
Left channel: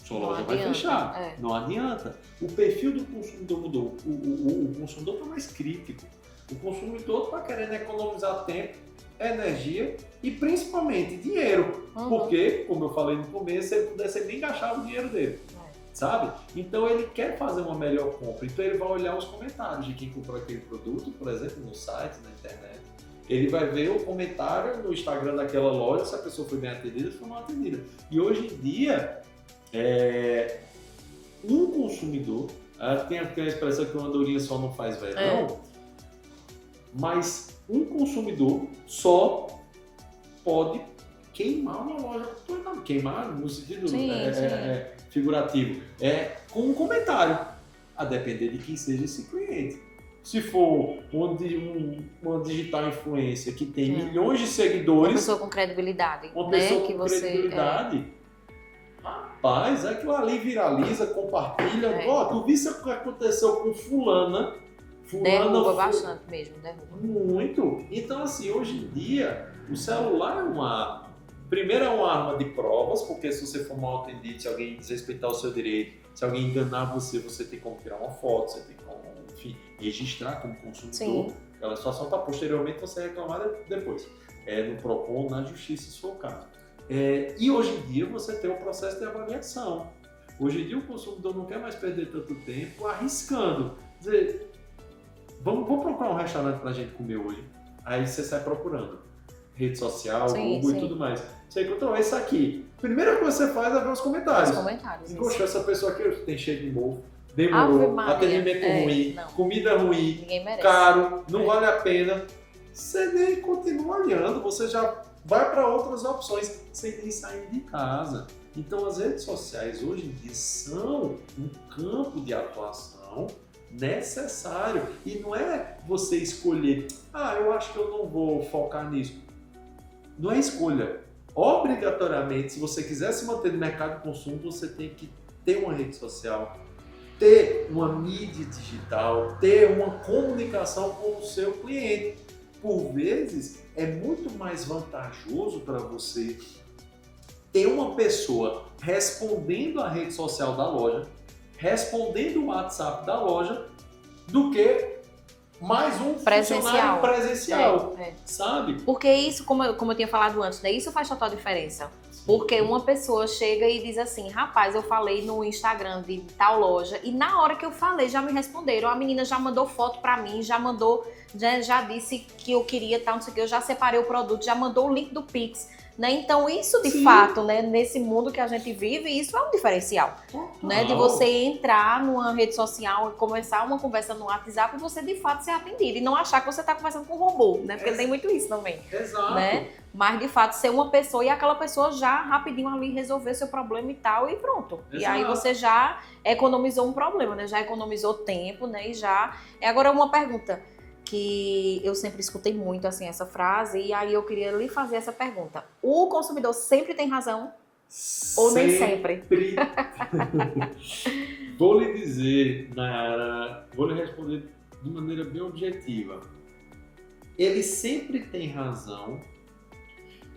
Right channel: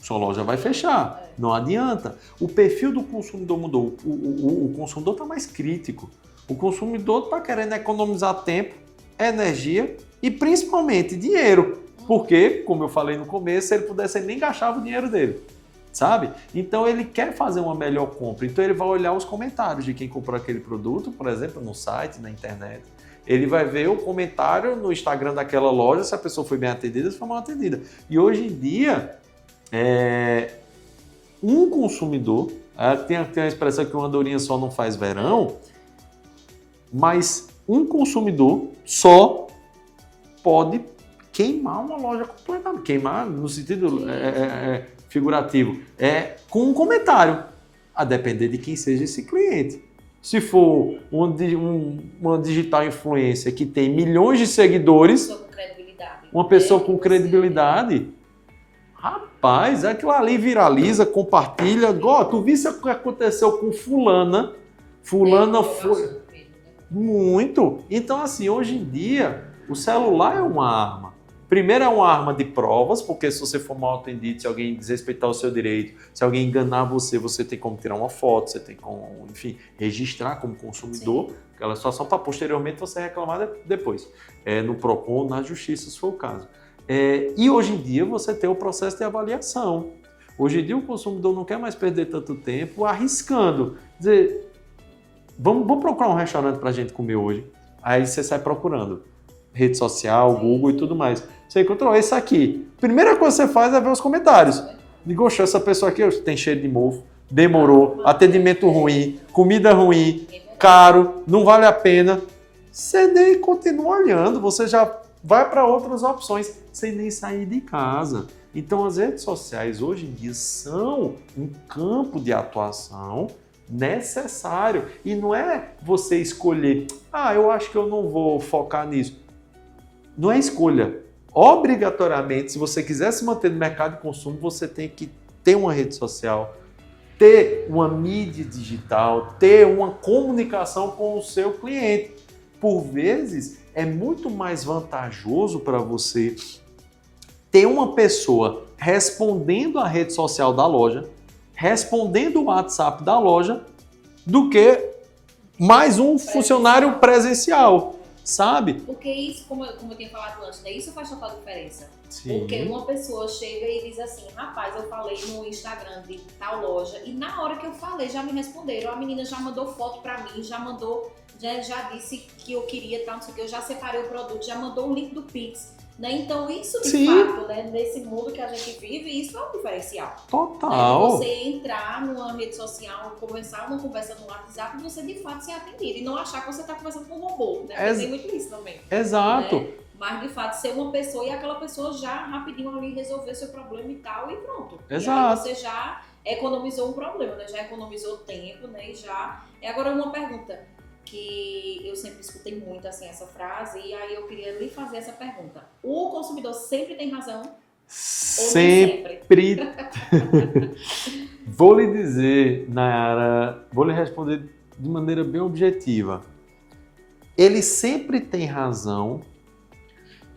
sua loja vai fechar. Não adianta. O perfil do consumidor mudou. O consumidor está mais crítico. O consumidor está querendo economizar tempo, energia e principalmente dinheiro. Porque, como eu falei no começo, se ele pudesse, ele nem gastava o dinheiro dele. Sabe? Então ele quer fazer uma melhor compra. Então ele vai olhar os comentários de quem comprou aquele produto, por exemplo, no site, na internet. Ele vai ver o comentário no Instagram daquela loja, se a pessoa foi bem atendida, se foi mal atendida. E hoje em dia, um consumidor, tem a expressão que uma andorinha só não faz verão, mas um consumidor só pode queimar uma loja completamente. Queimar no sentido figurativo. Com um comentário, a depender de quem seja esse cliente. Se for uma digital influencer que tem milhões de seguidores... Uma pessoa com credibilidade. Uma pessoa com credibilidade. Rapaz, aquilo ali viraliza, compartilha. Tu viste o que aconteceu com fulana? Fulana foi... bastante mesmo, né? Muito. Então, assim, hoje em dia, o celular é uma arma. Primeiro é uma arma de provas, porque se você for mal atendido, se alguém desrespeitar o seu direito, se alguém enganar você, você tem como tirar uma foto, você tem como, enfim, registrar como consumidor aquela situação para posteriormente você reclamar depois. No PROCON, na justiça, se for o caso. E hoje em dia você tem o processo de avaliação. Hoje em dia o consumidor não quer mais perder tanto tempo arriscando. Dizer, vamos procurar um restaurante para a gente comer hoje. Aí você sai procurando. Rede social, Google e tudo mais. Você encontrou esse aqui. Primeira coisa que você faz é ver os comentários. Digo, essa pessoa aqui tem cheiro de mofo, demorou, atendimento ruim, comida ruim, caro, não vale a pena. Você nem continua olhando, você já vai para outras opções sem nem sair de casa. Então as redes sociais hoje em dia são um campo de atuação necessário. E não é você escolher, eu acho que eu não vou focar nisso. Não é escolha. Obrigatoriamente, se você quiser se manter no mercado de consumo, você tem que ter uma rede social, ter uma mídia digital, ter uma comunicação com o seu cliente. Por vezes, é muito mais vantajoso para você ter uma pessoa respondendo a rede social da loja, respondendo o WhatsApp da loja, do que mais um funcionário presencial. Sabe? Porque isso, como eu tinha falado antes, né? Isso faz total diferença. Sim. Porque uma pessoa chega e diz assim, rapaz, eu falei no Instagram de tal loja e na hora que eu falei já me responderam. A menina já mandou foto pra mim, já mandou já disse que eu queria tal, não sei o que, eu já separei o produto, já mandou o link do Pix. Né? Então, isso de fato, né, nesse mundo que a gente vive, isso é um diferencial. Total. Né? De você entrar numa rede social, começar uma conversa no WhatsApp e você de fato ser atendido. E não achar que você está conversando com um robô, né? Porque tem muito isso também. Exato. Né? Mas de fato ser uma pessoa e aquela pessoa já rapidinho ali resolver seu problema e tal, e pronto. Exato. E aí você já economizou um problema, né? Já economizou tempo, né? E já. Agora uma pergunta que eu sempre escutei muito, assim, essa frase, e aí eu queria lhe fazer essa pergunta. O consumidor sempre tem razão? Ou nem sempre? Vou lhe dizer, Nayara, vou lhe responder de maneira bem objetiva. Ele sempre tem razão,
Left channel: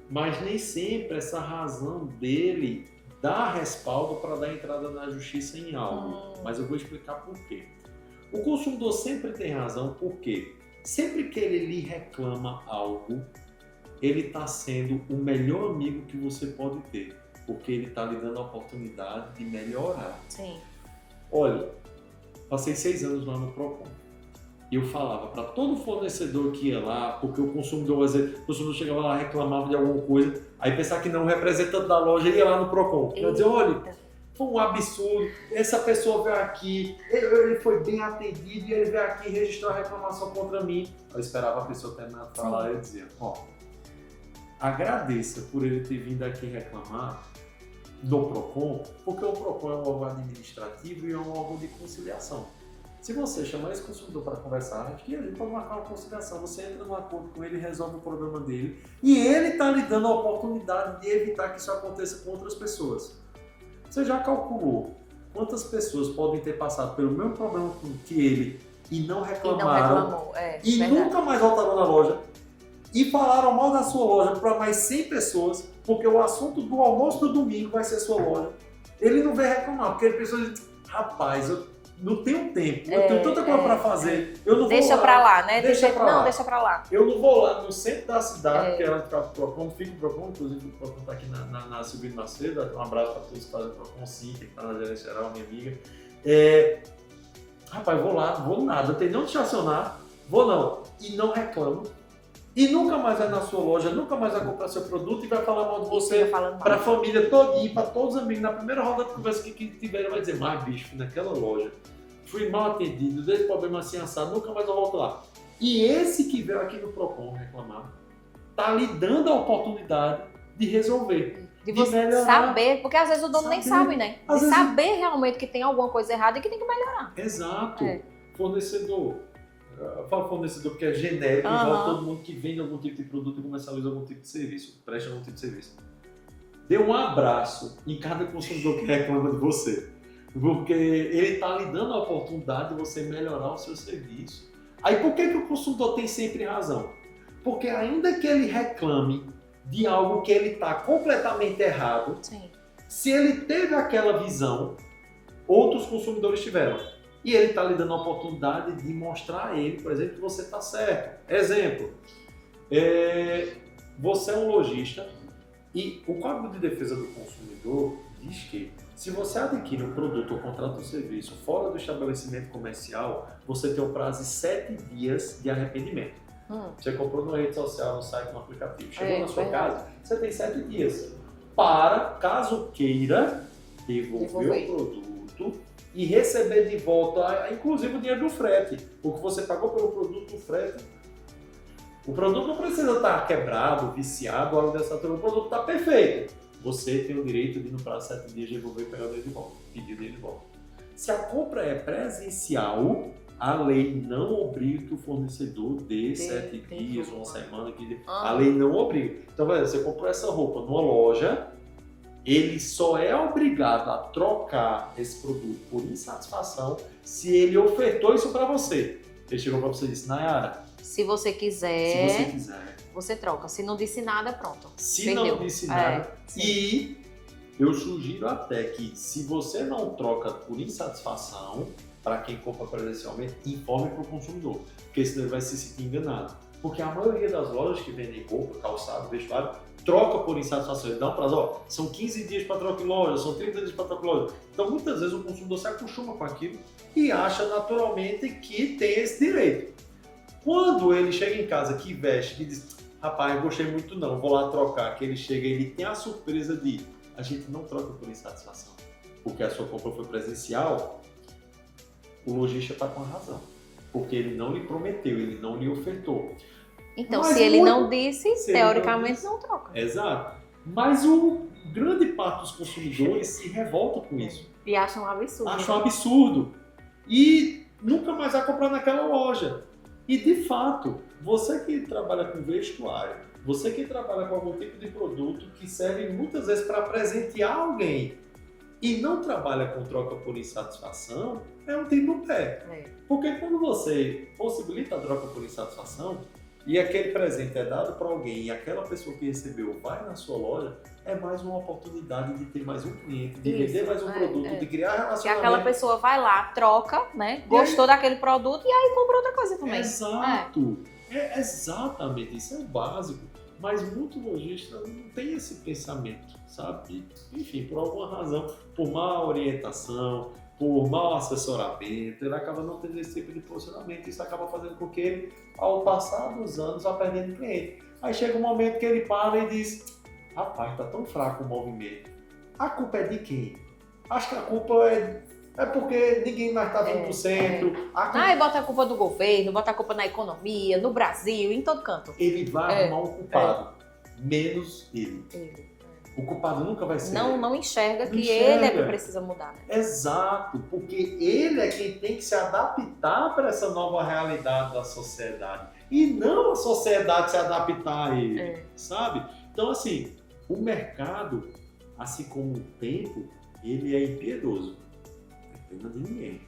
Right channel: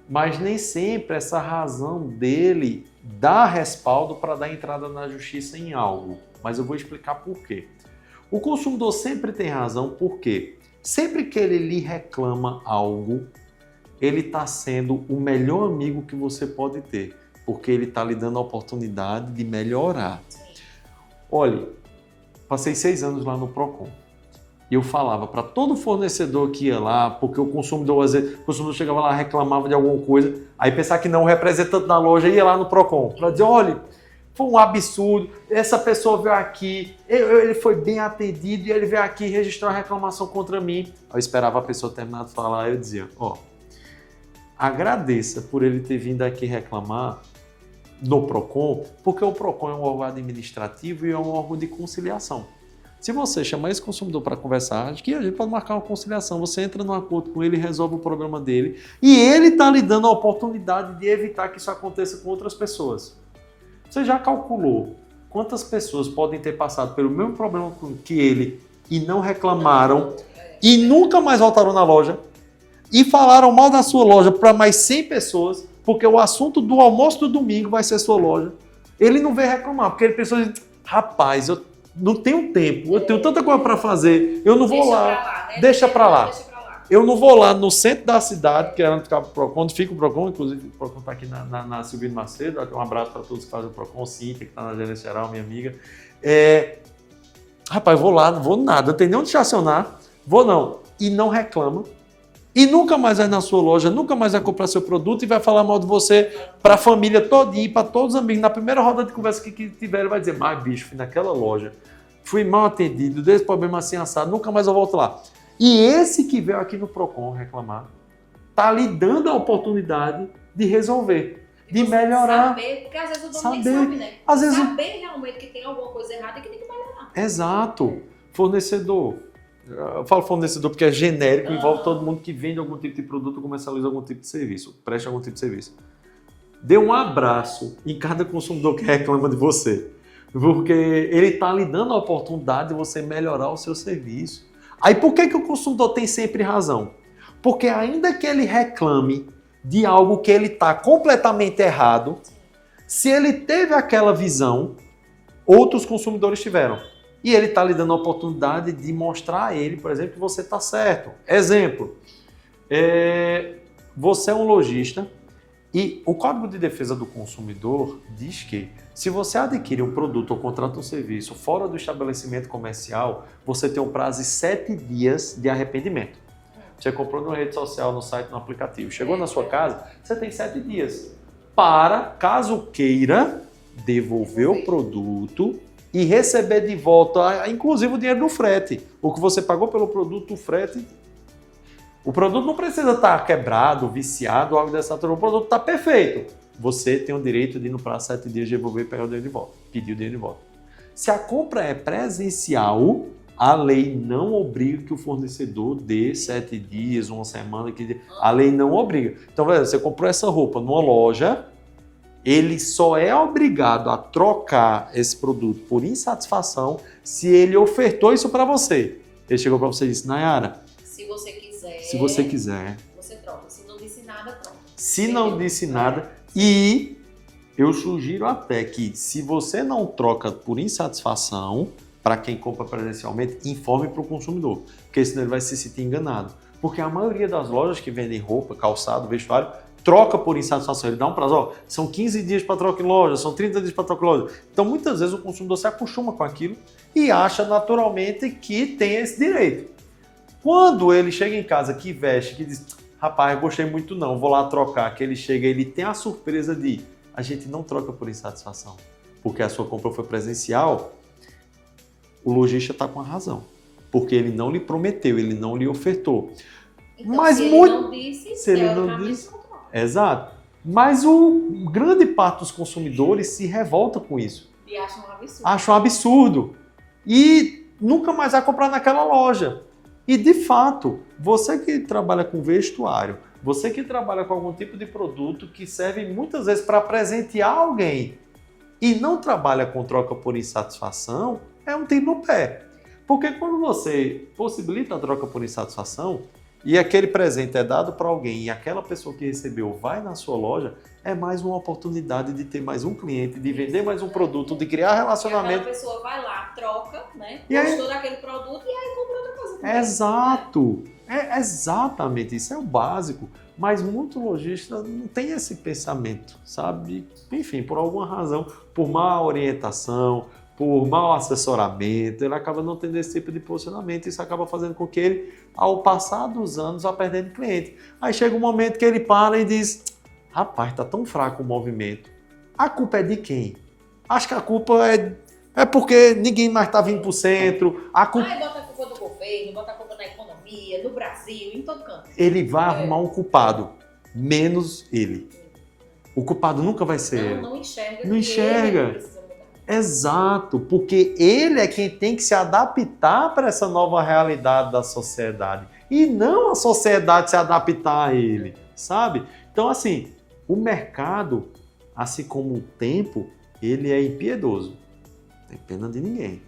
mas nem sempre essa razão dele dá respaldo para dar entrada na justiça em algo. Mas eu vou explicar por quê. O consumidor sempre tem razão, por quê? Sempre que ele lhe reclama algo, ele está sendo o melhor amigo que você pode ter, porque ele está lhe dando a oportunidade de melhorar. Sim. Olha, passei 6 anos lá no Procon. E eu falava para todo fornecedor que ia lá, porque o consumidor, às vezes, o consumidor chegava lá, reclamava de alguma coisa, aí pensar que não, o representante da loja ia lá no Procon para dizer, olha, foi um absurdo, essa pessoa veio aqui, ele foi bem atendido e ele veio aqui registrar uma reclamação contra mim. Eu esperava a pessoa terminar de falar e eu dizia, agradeça por ele ter vindo aqui reclamar no Procon, porque o Procon é um órgão administrativo e é um órgão de conciliação. Se você chamar esse consumidor para conversar, acho que a gente pode marcar uma conciliação, você entra num acordo com ele, resolve o problema dele e ele está lhe dando a oportunidade de evitar que isso aconteça com outras pessoas. Você já calculou quantas pessoas podem ter passado pelo mesmo problema que ele e não reclamaram e nunca mais voltaram na loja e falaram mal da sua loja para mais 100 pessoas, porque o assunto do almoço do domingo vai ser sua loja. Ele não veio reclamar, porque ele pensou assim, rapaz, eu não tenho tempo, eu tenho tanta coisa para fazer, eu não vou lá. Deixa pra lá, né? Deixa pra lá. Deixa pra lá. Eu não vou lá no centro da cidade, que é onde fica o Procon, inclusive o Procon está aqui na Silvino Macedo, um abraço para todos que fazem o Procon, Cíntia, que está na gerência geral, minha amiga. Rapaz, vou lá, não vou nada, não tem nem onde estacionar, vou não. E não reclama. E nunca mais vai na sua loja, nunca mais vai comprar seu produto e vai falar mal de você para a família todinha, para todos os amigos. Na primeira roda de conversa que tiver, ele vai dizer, mas bicho, fui naquela loja, fui mal atendido, desse problema assim assado, nunca mais eu volto lá. E esse que veio aqui no Procon reclamar, tá lhe dando a oportunidade de resolver, de melhorar. Saber, porque às vezes o dono nem sabe, né? Às vezes saber realmente que tem alguma coisa errada e que tem que melhorar. Exato. Fornecedor. Eu falo fornecedor porque é genérico, envolve todo mundo que vende algum tipo de produto ou comercializa algum tipo de serviço, presta algum tipo de serviço. Dê um abraço em cada consumidor que reclama de você, porque ele está lhe dando a oportunidade de você melhorar o seu serviço. Aí por que o consumidor tem sempre razão? Porque ainda que ele reclame de algo que ele está completamente errado, se ele teve aquela visão, outros consumidores tiveram. E ele está lhe dando a oportunidade de mostrar a ele, por exemplo, que você está certo. Exemplo, você é um lojista e o Código de Defesa do Consumidor diz que se você adquire um produto ou contrata um serviço fora do estabelecimento comercial, você tem um prazo de 7 dias de arrependimento. Você comprou numa rede social, no site, no aplicativo, chegou na sua casa, você tem 7 dias para, caso queira, devolver o produto e receber de volta, inclusive o dinheiro do frete. O que você pagou pelo produto, o frete. O produto não precisa estar quebrado, viciado, algo dessa natureza. O produto está perfeito. Você tem o direito de, no prazo de 7 dias, devolver e pegar o dinheiro de volta. Pedir o dinheiro de volta. Se a compra é presencial, a lei não obriga que o fornecedor dê 7 dias, uma semana. A lei não obriga. Então, você comprou essa roupa numa loja, ele só é obrigado a trocar esse produto por insatisfação se ele ofertou isso para você. Ele chegou para você e disse, Nayara, se você quiser, você troca. Se não disse nada, pronto. Se não disse nada, e eu sugiro até que se você não troca por insatisfação, para quem compra presencialmente, informe para o consumidor, porque senão ele vai se sentir enganado. Porque a maioria das lojas que vendem roupa, calçado, vestuário, troca por insatisfação, ele dá um prazo, são 15 dias para troca em loja, são 30 dias para troca em loja. Então, muitas vezes o consumidor se acostuma com aquilo e acha naturalmente que tem esse direito. Quando ele chega em casa, que veste, que diz, rapaz, gostei muito não, vou lá trocar, que ele chega, ele tem a surpresa de, a gente não troca por insatisfação, porque a sua compra foi presencial, o lojista está com a razão, porque ele não lhe prometeu, ele não lhe ofertou. Então, Mas se ele não disse, se ele teoricamente não não troca. Exato. Mas o grande parte dos consumidores se revolta com isso. E acham um absurdo. Acham um absurdo. E nunca mais vai comprar naquela loja. E, de fato, você que trabalha com vestuário, você que trabalha com algum tipo de produto que serve muitas vezes para presentear alguém e não trabalha com troca por insatisfação, é um tiro no pé. Porque quando você possibilita a troca por insatisfação e aquele presente é dado para alguém e aquela pessoa que recebeu vai na sua loja, é mais uma oportunidade de ter mais um cliente, de vender mais um produto, de criar E relacionamento. aquela pessoa vai lá, troca, né? Gostou daquele produto e aí compra outra coisa também. Exato. É exatamente isso, é o básico. Mas muito lojista não tem esse pensamento, sabe? Enfim, por alguma razão, por má orientação, por mau assessoramento, ele acaba não tendo esse tipo de posicionamento. Isso acaba fazendo com que ele, ao passar dos anos, vá perdendo cliente. Aí chega um momento que ele para e diz, rapaz, tá tão fraco o movimento. A culpa é de quem? Acho que a culpa é porque ninguém mais está vindo para o centro. E bota a culpa do governo, bota a culpa na economia, no Brasil, em todo canto. Ele vai arrumar um culpado, menos ele. O culpado nunca vai ser ele. Não enxerga Não que enxerga. ele é que precisa mudar. Exato, porque ele é quem tem que se adaptar para essa nova realidade da sociedade. E não a sociedade se adaptar a ele, sabe? Então, assim, o mercado, assim como o tempo, ele é impiedoso. Não tem pena de ninguém.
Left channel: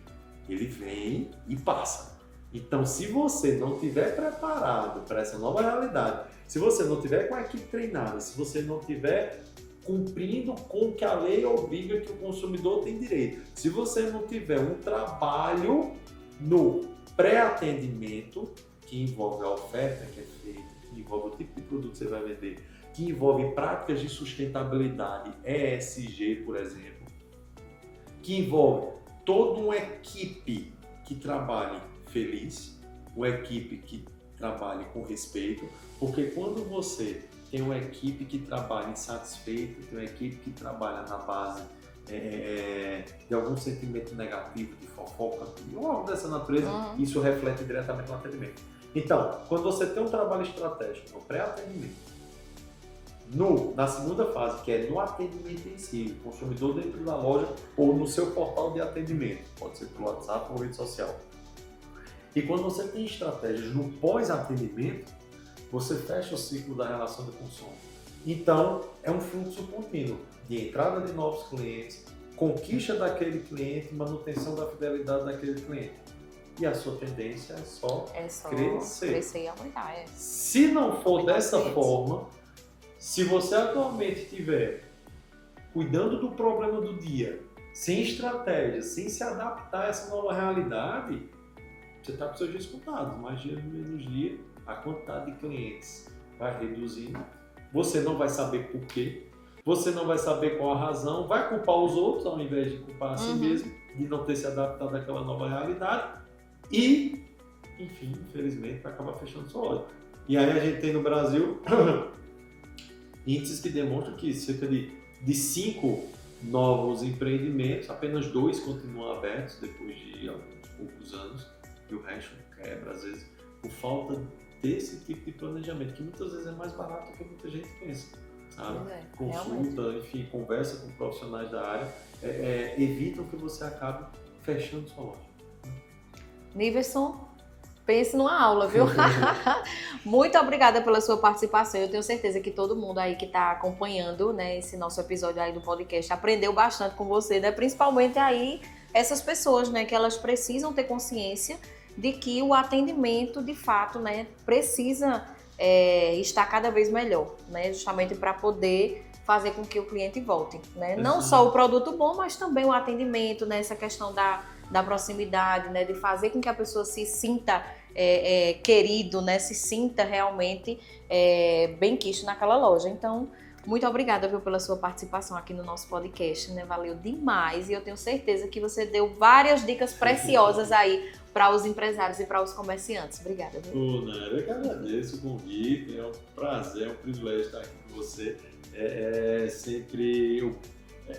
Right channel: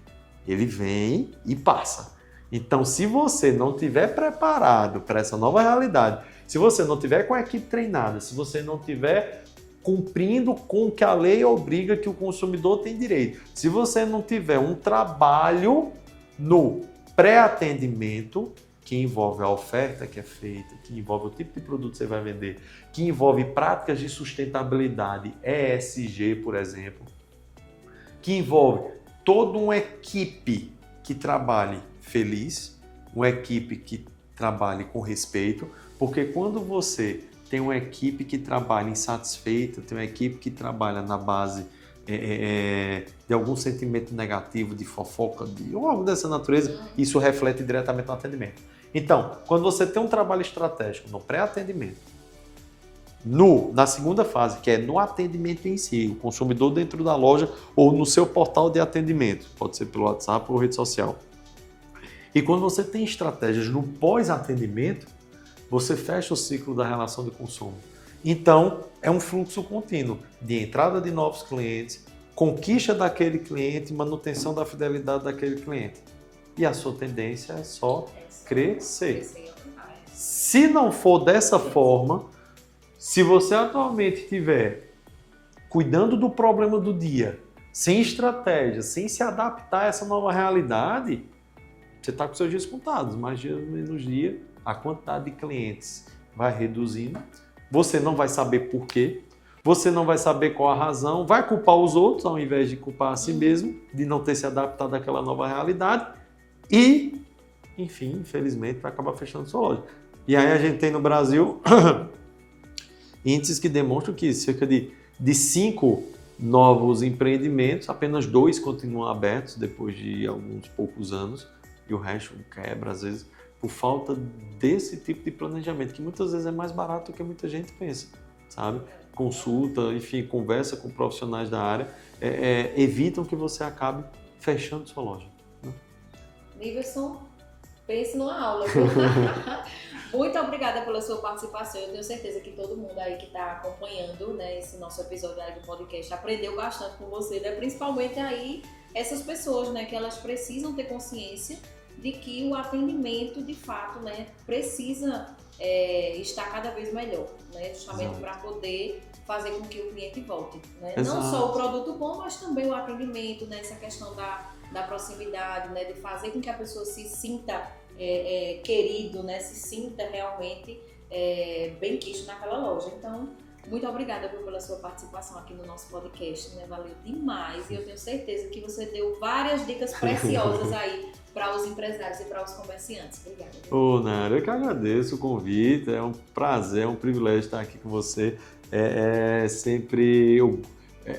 Ele vem e passa. Então, se você não estiver preparado para essa nova realidade, se você não tiver com a equipe treinada, se você não tiver cumprindo com o que a lei obriga que o consumidor tem direito, se você não tiver um trabalho no pré-atendimento, que envolve a oferta que é feita, que envolve o tipo de produto que você vai vender, que envolve práticas de sustentabilidade, ESG, por exemplo, que envolve toda uma equipe que trabalhe feliz, uma equipe que trabalhe com respeito, porque quando você tem uma equipe que trabalha insatisfeita, tem uma equipe que trabalha na base de algum sentimento negativo, de fofoca, ou algo dessa natureza, isso reflete diretamente no atendimento. Então, quando você tem um trabalho estratégico no pré-atendimento, na segunda fase, que é no atendimento em si, o consumidor dentro da loja ou no seu portal de atendimento, pode ser pelo WhatsApp ou rede social. E quando você tem estratégias no pós-atendimento, você fecha o ciclo da relação de consumo. Então, é um fluxo contínuo de entrada de novos clientes, conquista daquele cliente, manutenção da fidelidade daquele cliente. E a sua tendência é só crescer. Crescer e aumentar, Se não for dessa forma, se você atualmente estiver cuidando do problema do dia, sem estratégia, sem se adaptar a essa nova realidade, você está com seus dias contados, mais dia menos dia, a quantidade de clientes vai reduzindo, você não vai saber por quê, você não vai saber qual a razão, vai culpar os outros ao invés de culpar a si mesmo, de não ter se adaptado àquela nova realidade e, enfim, infelizmente, vai acabar fechando sua loja. E aí a gente tem no Brasil índices que demonstram que cerca de 5 novos empreendimentos, apenas 2 continuam abertos depois de alguns poucos anos e o resto quebra, às vezes, por falta desse tipo de planejamento, que muitas vezes é mais barato do que muita gente pensa, sabe? Consulta, enfim, conversa com profissionais da área, evitam que você acabe fechando sua loja. Niverson, pense numa aula, viu? Muito obrigada pela sua participação. Eu tenho certeza que todo mundo aí que está acompanhando, né, esse nosso episódio aí do podcast aprendeu bastante com você, né? Principalmente aí essas pessoas, né, que elas precisam ter consciência de que o atendimento, de fato, né, precisa estar cada vez melhor, né, justamente para poder fazer com que o cliente volte, né? Não só o produto bom, mas também o atendimento, né, essa questão da proximidade, né, de fazer com que a pessoa se sinta querido, né, se sinta realmente bem quisto naquela loja. Então, Muito obrigada, viu, pela sua participação aqui no nosso podcast, né? Valeu demais e eu tenho certeza que você deu várias dicas preciosas aí para os empresários e para os comerciantes. Obrigada. Viu? Ô, Nara, eu que agradeço o convite, é um prazer, é um privilégio estar aqui com você. É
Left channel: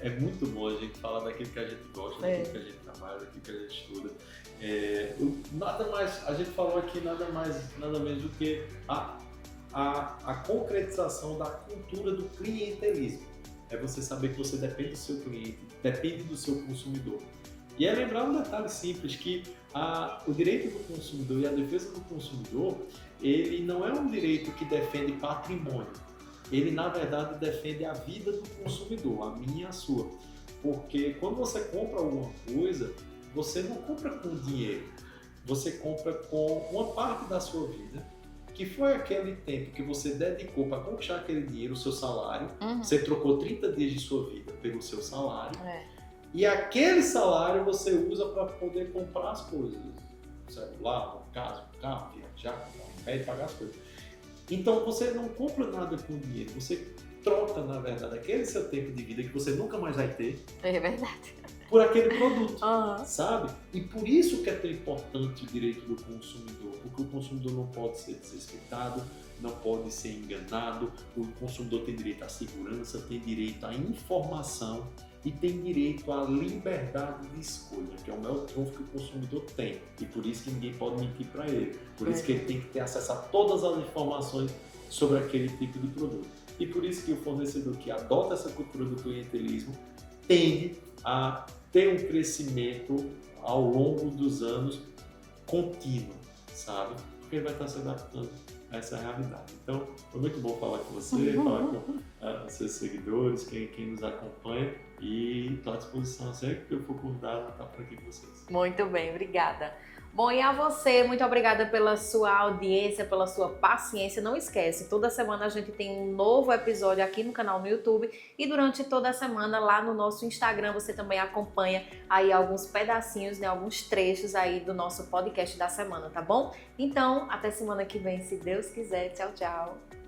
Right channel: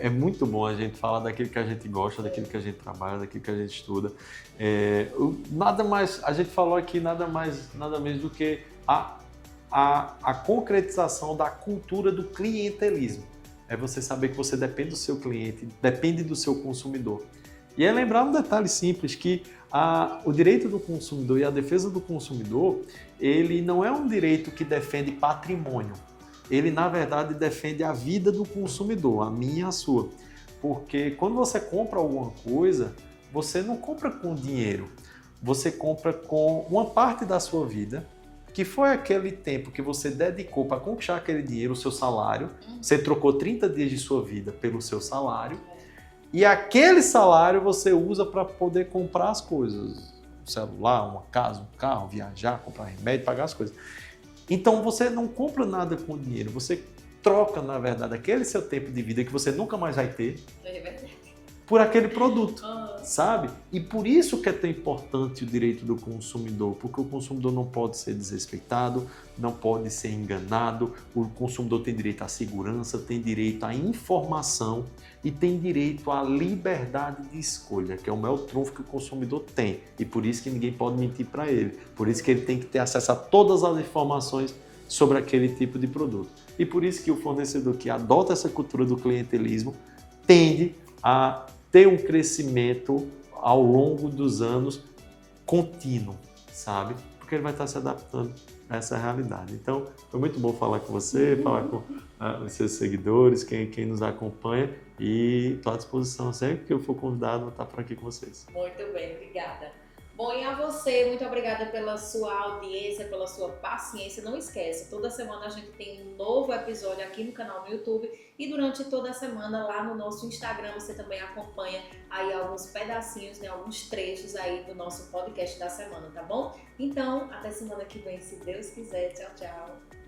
muito bom a gente falar daquilo que a gente gosta, daquilo que a gente trabalha, daquilo que a gente estuda. Nada mais, a gente falou aqui nada menos do que a concretização da cultura do clientelismo. É você saber que você depende do seu cliente, depende do seu consumidor. E é lembrar um detalhe simples, que o direito do consumidor e a defesa do consumidor, ele não é um direito que defende patrimônio. Ele, na verdade, defende a vida do consumidor, a minha e a sua. Porque quando você compra alguma coisa, você não compra com dinheiro, você compra com uma parte da sua vida, que foi aquele tempo que você dedicou para conquistar aquele dinheiro, o seu salário. Você trocou 30 dias de sua vida pelo seu salário. E aquele salário você usa para poder comprar as coisas. Um celular, uma casa, um carro, viajar, comprar remédio, pagar as coisas. Então você não compra nada com dinheiro, você troca, na verdade, aquele seu tempo de vida que você nunca mais vai ter. É verdade. Por aquele produto, sabe? E por isso que é tão importante o direito do consumidor, porque o consumidor não pode ser desrespeitado, não pode ser enganado, o consumidor tem direito à segurança, tem direito à informação e tem direito à liberdade de escolha, que é o maior trunfo que o consumidor tem. E por isso que ninguém pode mentir para ele, por isso que ele tem que ter acesso a todas as informações sobre aquele tipo de produto. E por isso que o fornecedor que adota essa cultura do clientelismo tende a ter um crescimento ao longo dos anos contínuo, sabe? Porque ele vai estar se adaptando a essa realidade. Então, foi muito bom falar com você, falar com os seus seguidores, quem nos acompanha, e estou à disposição sempre que eu for convidado a estar por aqui com vocês. Muito bem, obrigada. Bom, e a você, muito obrigada pela sua audiência, pela sua paciência. Não esquece, toda semana a gente tem um novo episódio aqui no canal no YouTube e durante toda a semana lá no nosso Instagram você também acompanha aí alguns pedacinhos, né, alguns trechos aí do nosso podcast da semana, tá bom? Então, até semana que vem, se Deus quiser. Tchau, tchau.